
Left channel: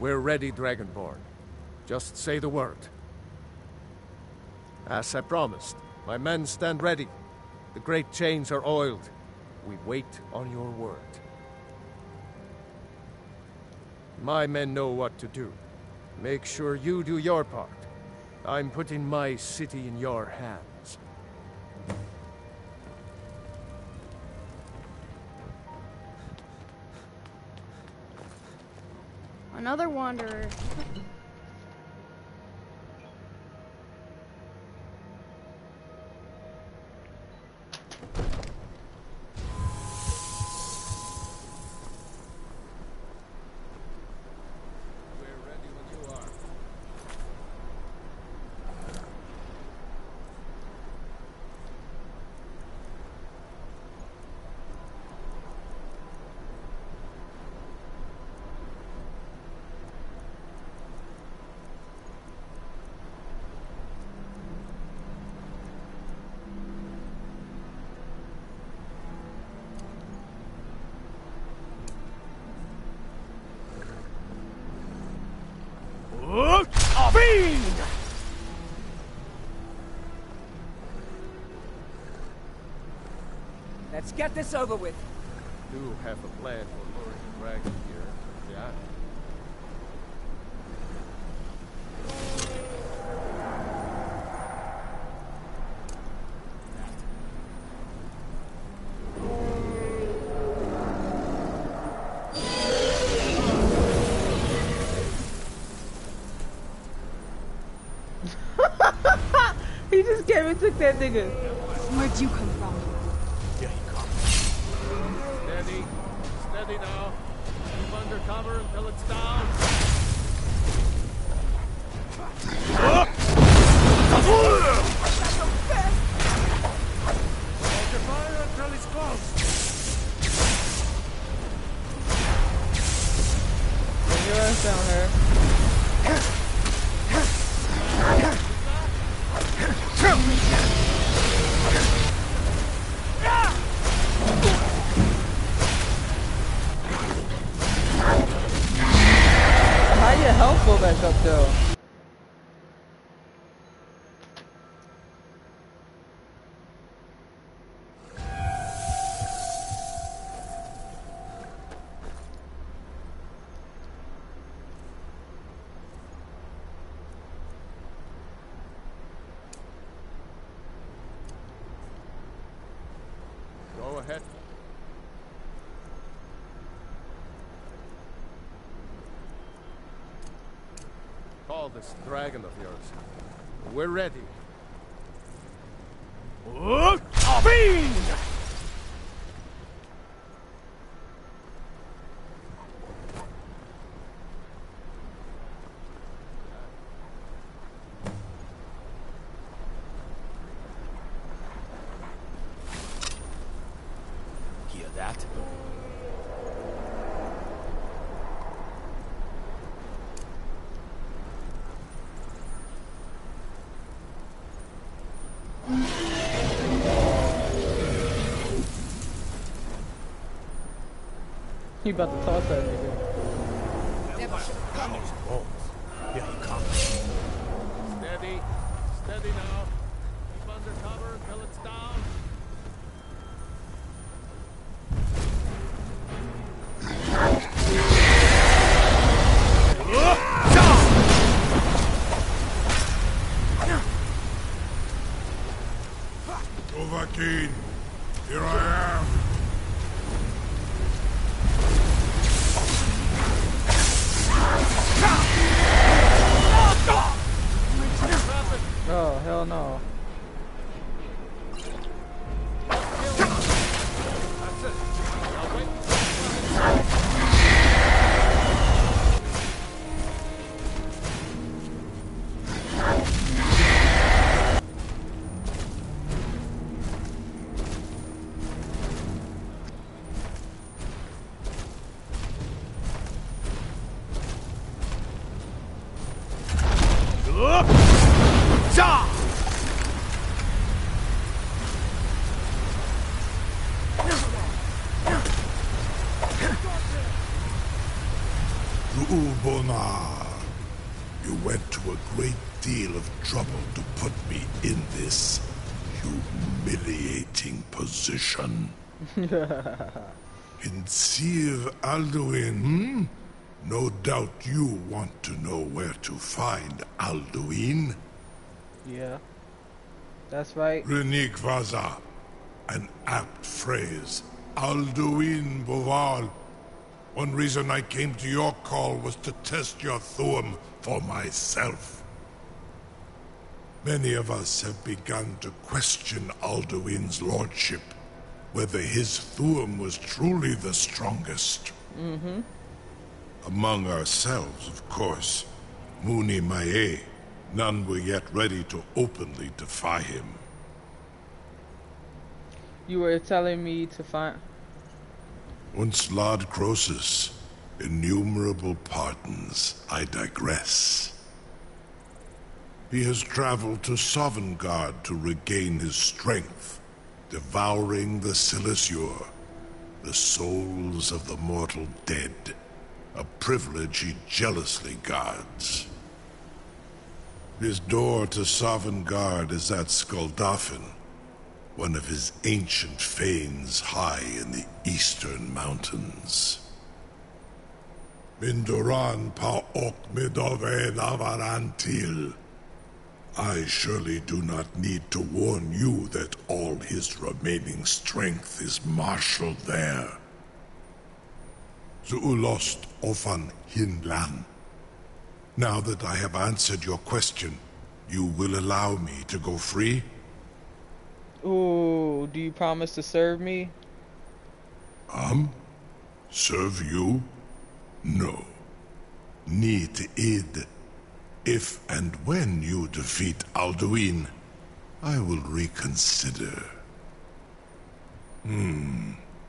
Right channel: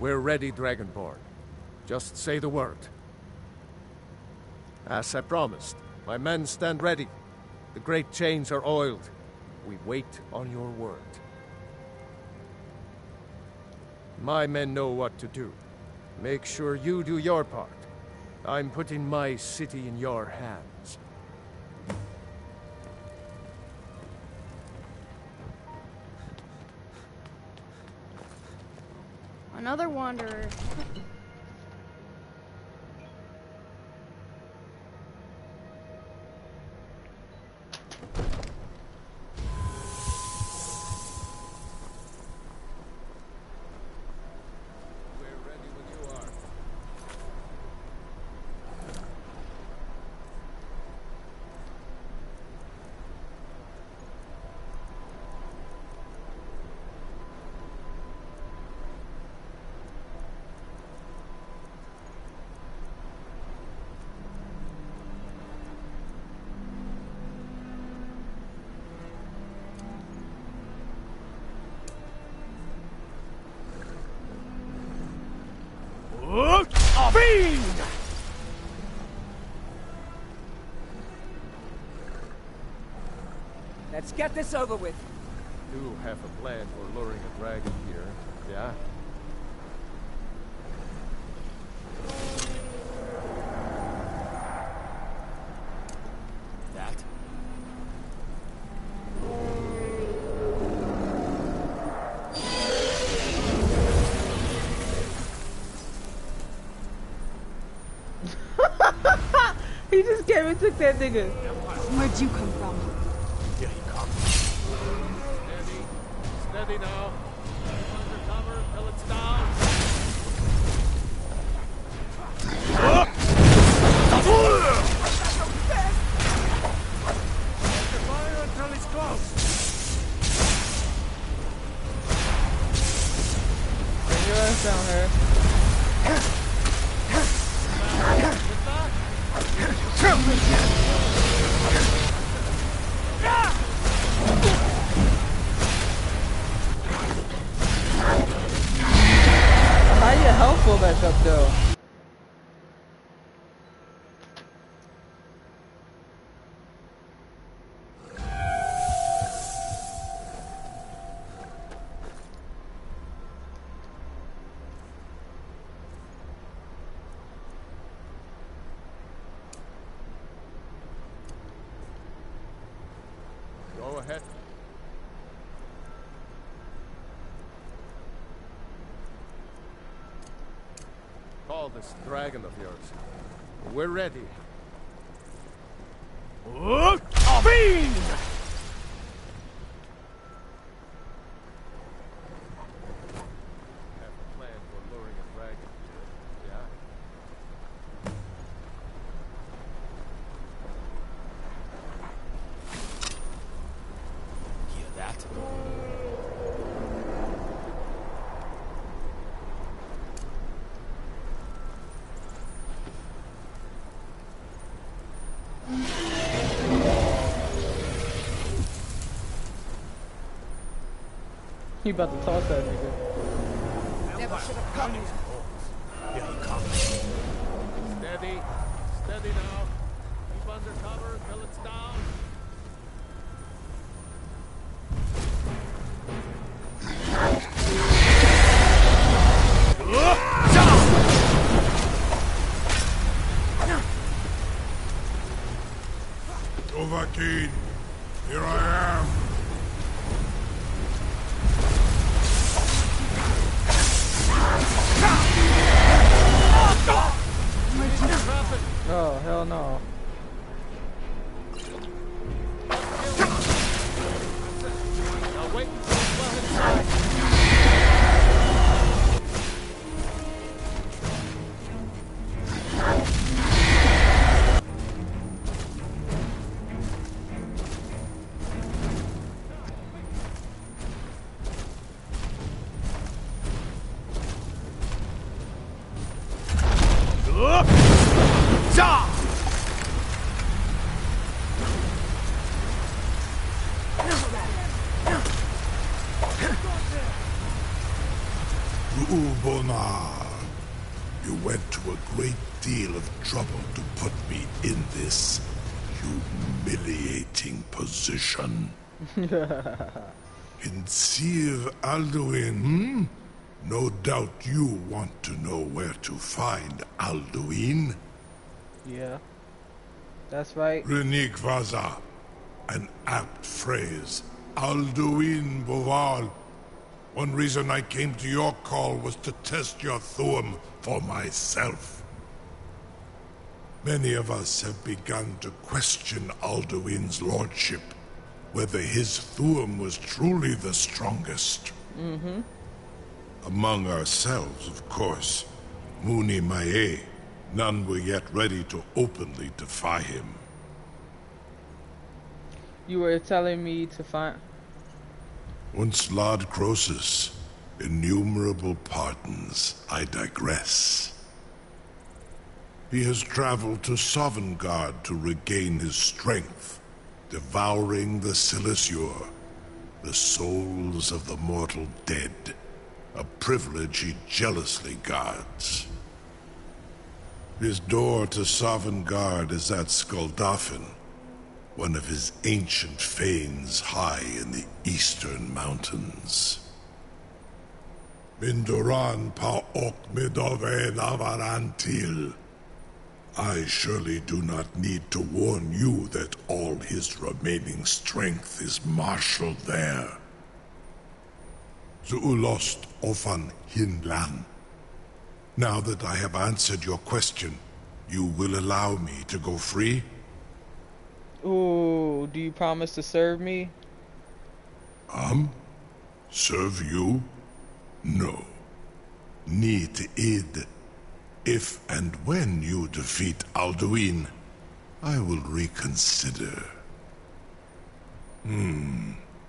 We're ready, Dragonborn. Just say the word. As I promised, my men stand ready. The great chains are oiled. We wait on your word. My men know what to do. Make sure you do your part. I'm putting my city in your hands. Another wanderer. Fiend! Let's get this over with. Do have a plan for luring a dragon here, yeah? That. He just came and took that nigga. Where'd you come from? Here he comes. Steady. Steady now. Keep under cover until it's down. Hold your fire until he's close. Bring your ass down here. How your health go back up though? Go ahead. Call this dragon of yours. We're ready. Fiend! Hear that? He about to toss that nigga. Never should have come. Here he comes. Steady. Steady now. Keep under cover until it's down. Dovahkiin, here I am. Oh, hell no. Now wait until it's well inside. Ru'ubonar, you went to a great deal of trouble to put me in this humiliating position. In Sir Alduin, No doubt you want to know where to find Alduin. Yeah. That's right. Renik Vaza, an apt phrase. Alduin Boval. One reason I came to your call was to test your Thuum for myself. Many of us have begun to question Alduin's lordship, whether his Thuum was truly the strongest. Mm-hmm. Among ourselves, of course. Muni Mae, none were yet ready to openly defy him. You were telling me to find... Once Lord Croesus, innumerable pardons, I digress. He has traveled to Sovngarde to regain his strength, devouring the Silesur, the souls of the mortal dead, a privilege he jealously guards. His door to Sovngarde is at Skuldafn, one of his ancient fanes high in the eastern mountains. Mindoran pa ok midove navarantil. I surely do not need to warn you that all his remaining strength is marshaled there. Zuulost ofan hinlan. Now that I have answered your question, you will allow me to go free? Ooh, do you promise to serve me? Serve you? No. Need id. If and when you defeat Alduin, I will reconsider.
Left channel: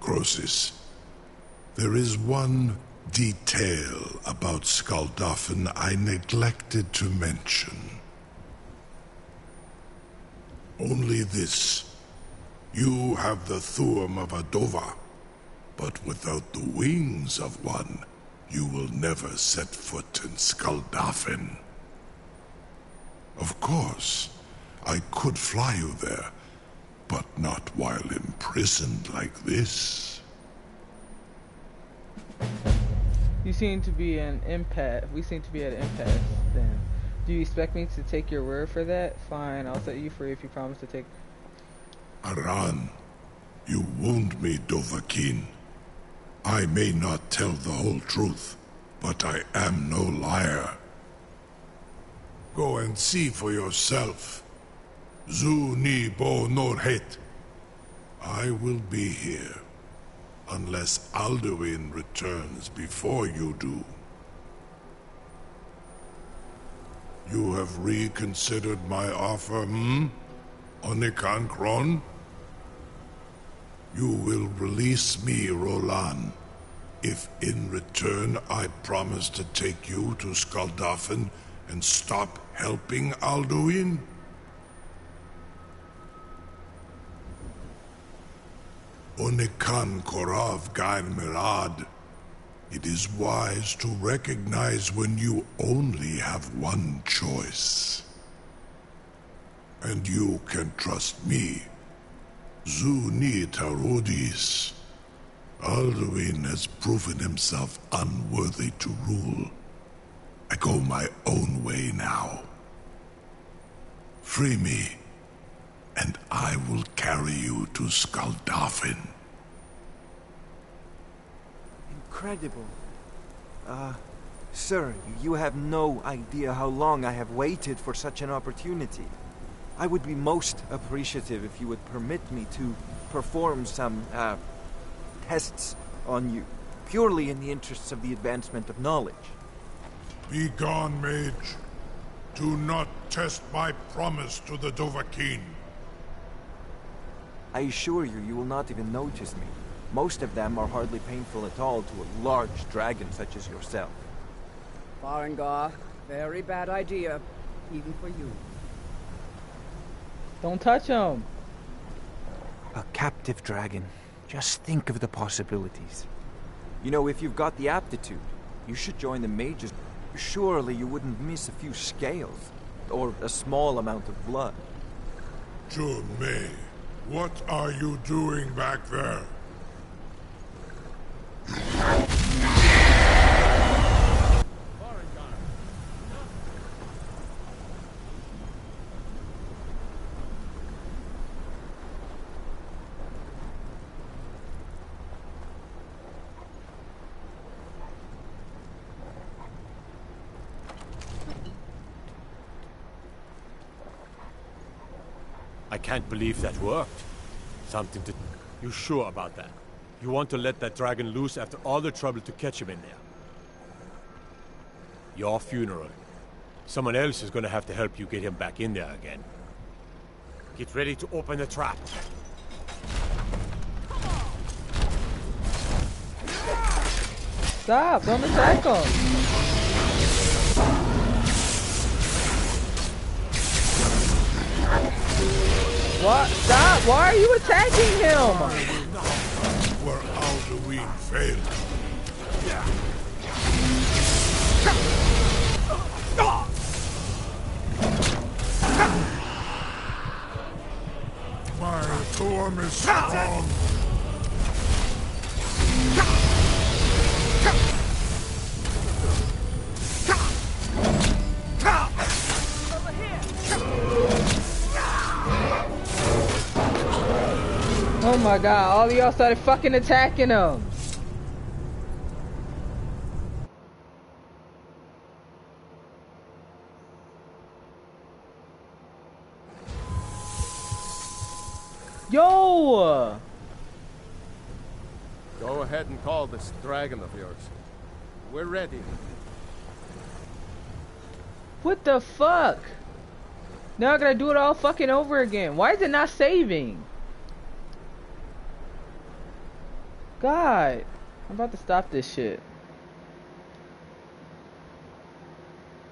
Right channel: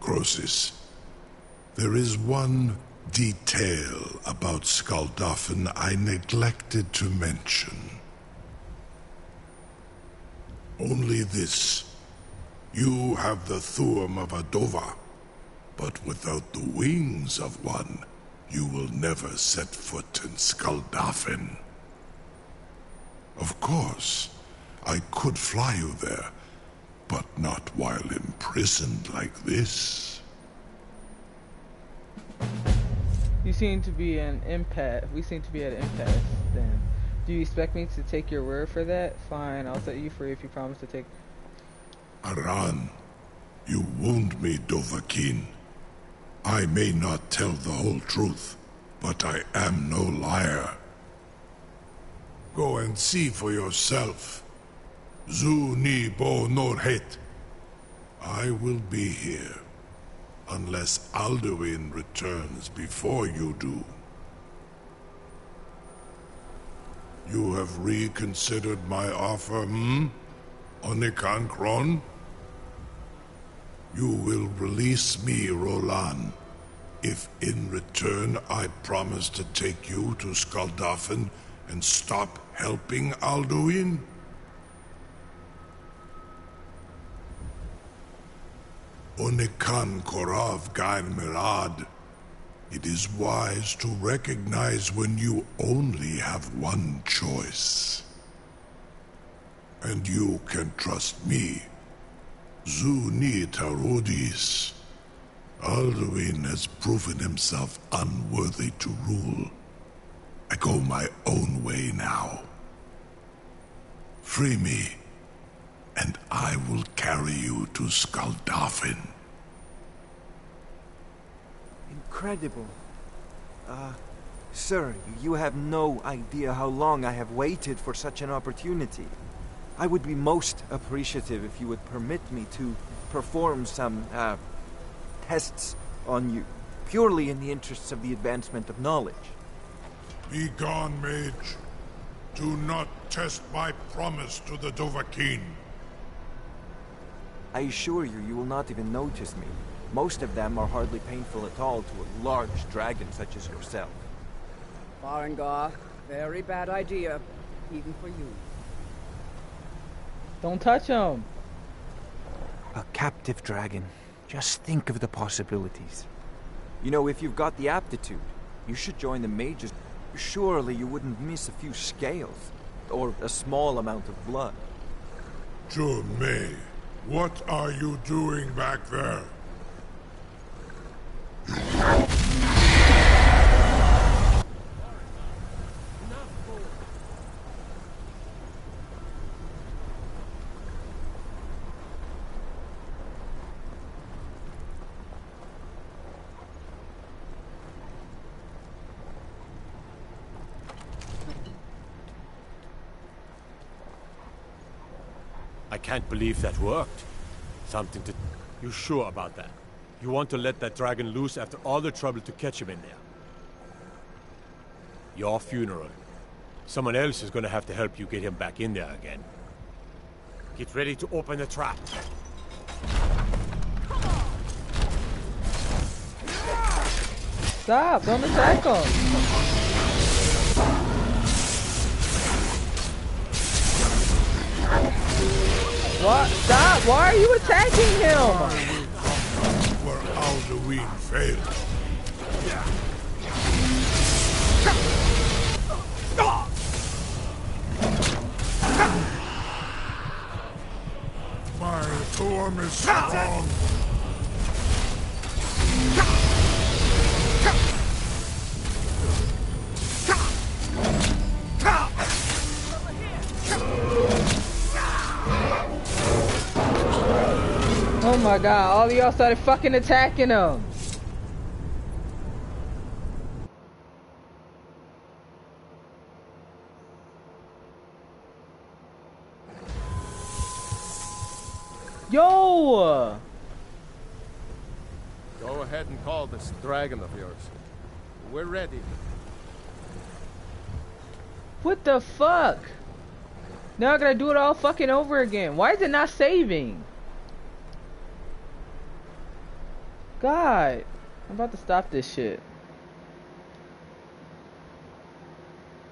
Croesus. There is one detail about Skuldafn I neglected to mention. Only this. You have the Thurm of a Dova, but without the wings of one, you will never set foot in Skuldafn. Of course, I could fly you there, but not while imprisoned like this. You seem to be an empath. We seem to be at an impasse then. Do you expect me to take your word for that? Fine, I'll set you free if you promise to take... Aran, you wound me, Dovahkiin. I may not tell the whole truth, but I am no liar. Go and see for yourself. Zu ni bo norhet. I will be here, unless Alduin returns before you do. You have reconsidered my offer, Onikan Kron? You will release me, Rolan, if in return I promise to take you to Skuldafn and stop helping Alduin? Onikan Korav Gain Mirad. It is wise to recognize when you only have one choice. And you can trust me. Zuni Tarudis. Alduin has proven himself unworthy to rule. I go my own way now. Free me, and I will carry you to Skuldafn. Incredible. Sir, you have no idea how long I have waited for such an opportunity. I would be most appreciative if you would permit me to perform some, tests on you, purely in the interests of the advancement of knowledge. Be gone, mage. Do not test my promise to the Dovahkiin. I assure you, you will not even notice me. Most of them are hardly painful at all to a large dragon such as yourself. Farengar, very bad idea, even for you. Don't touch him. A captive dragon. Just think of the possibilities. You know, if you've got the aptitude, you should join the mages. Surely you wouldn't miss a few scales, or a small amount of blood. Jun-Mei, what are you doing back there? I can't believe that worked. Something to... You sure about that? You want to let that dragon loose after all the trouble to catch him in there? Your funeral. Someone else is gonna have to help you get him back in there again. Get ready to open the trap. Stop! Don't attack him! What? Stop! Why are you attacking him? Where Alduin failed. storm is strong. Oh my god, all of y'all started fucking attacking him. Yo! Go ahead and call this dragon of yours. We're ready. What the fuck? Now I gotta do it all fucking over again. Why is it not saving? God, I'm about to stop this shit.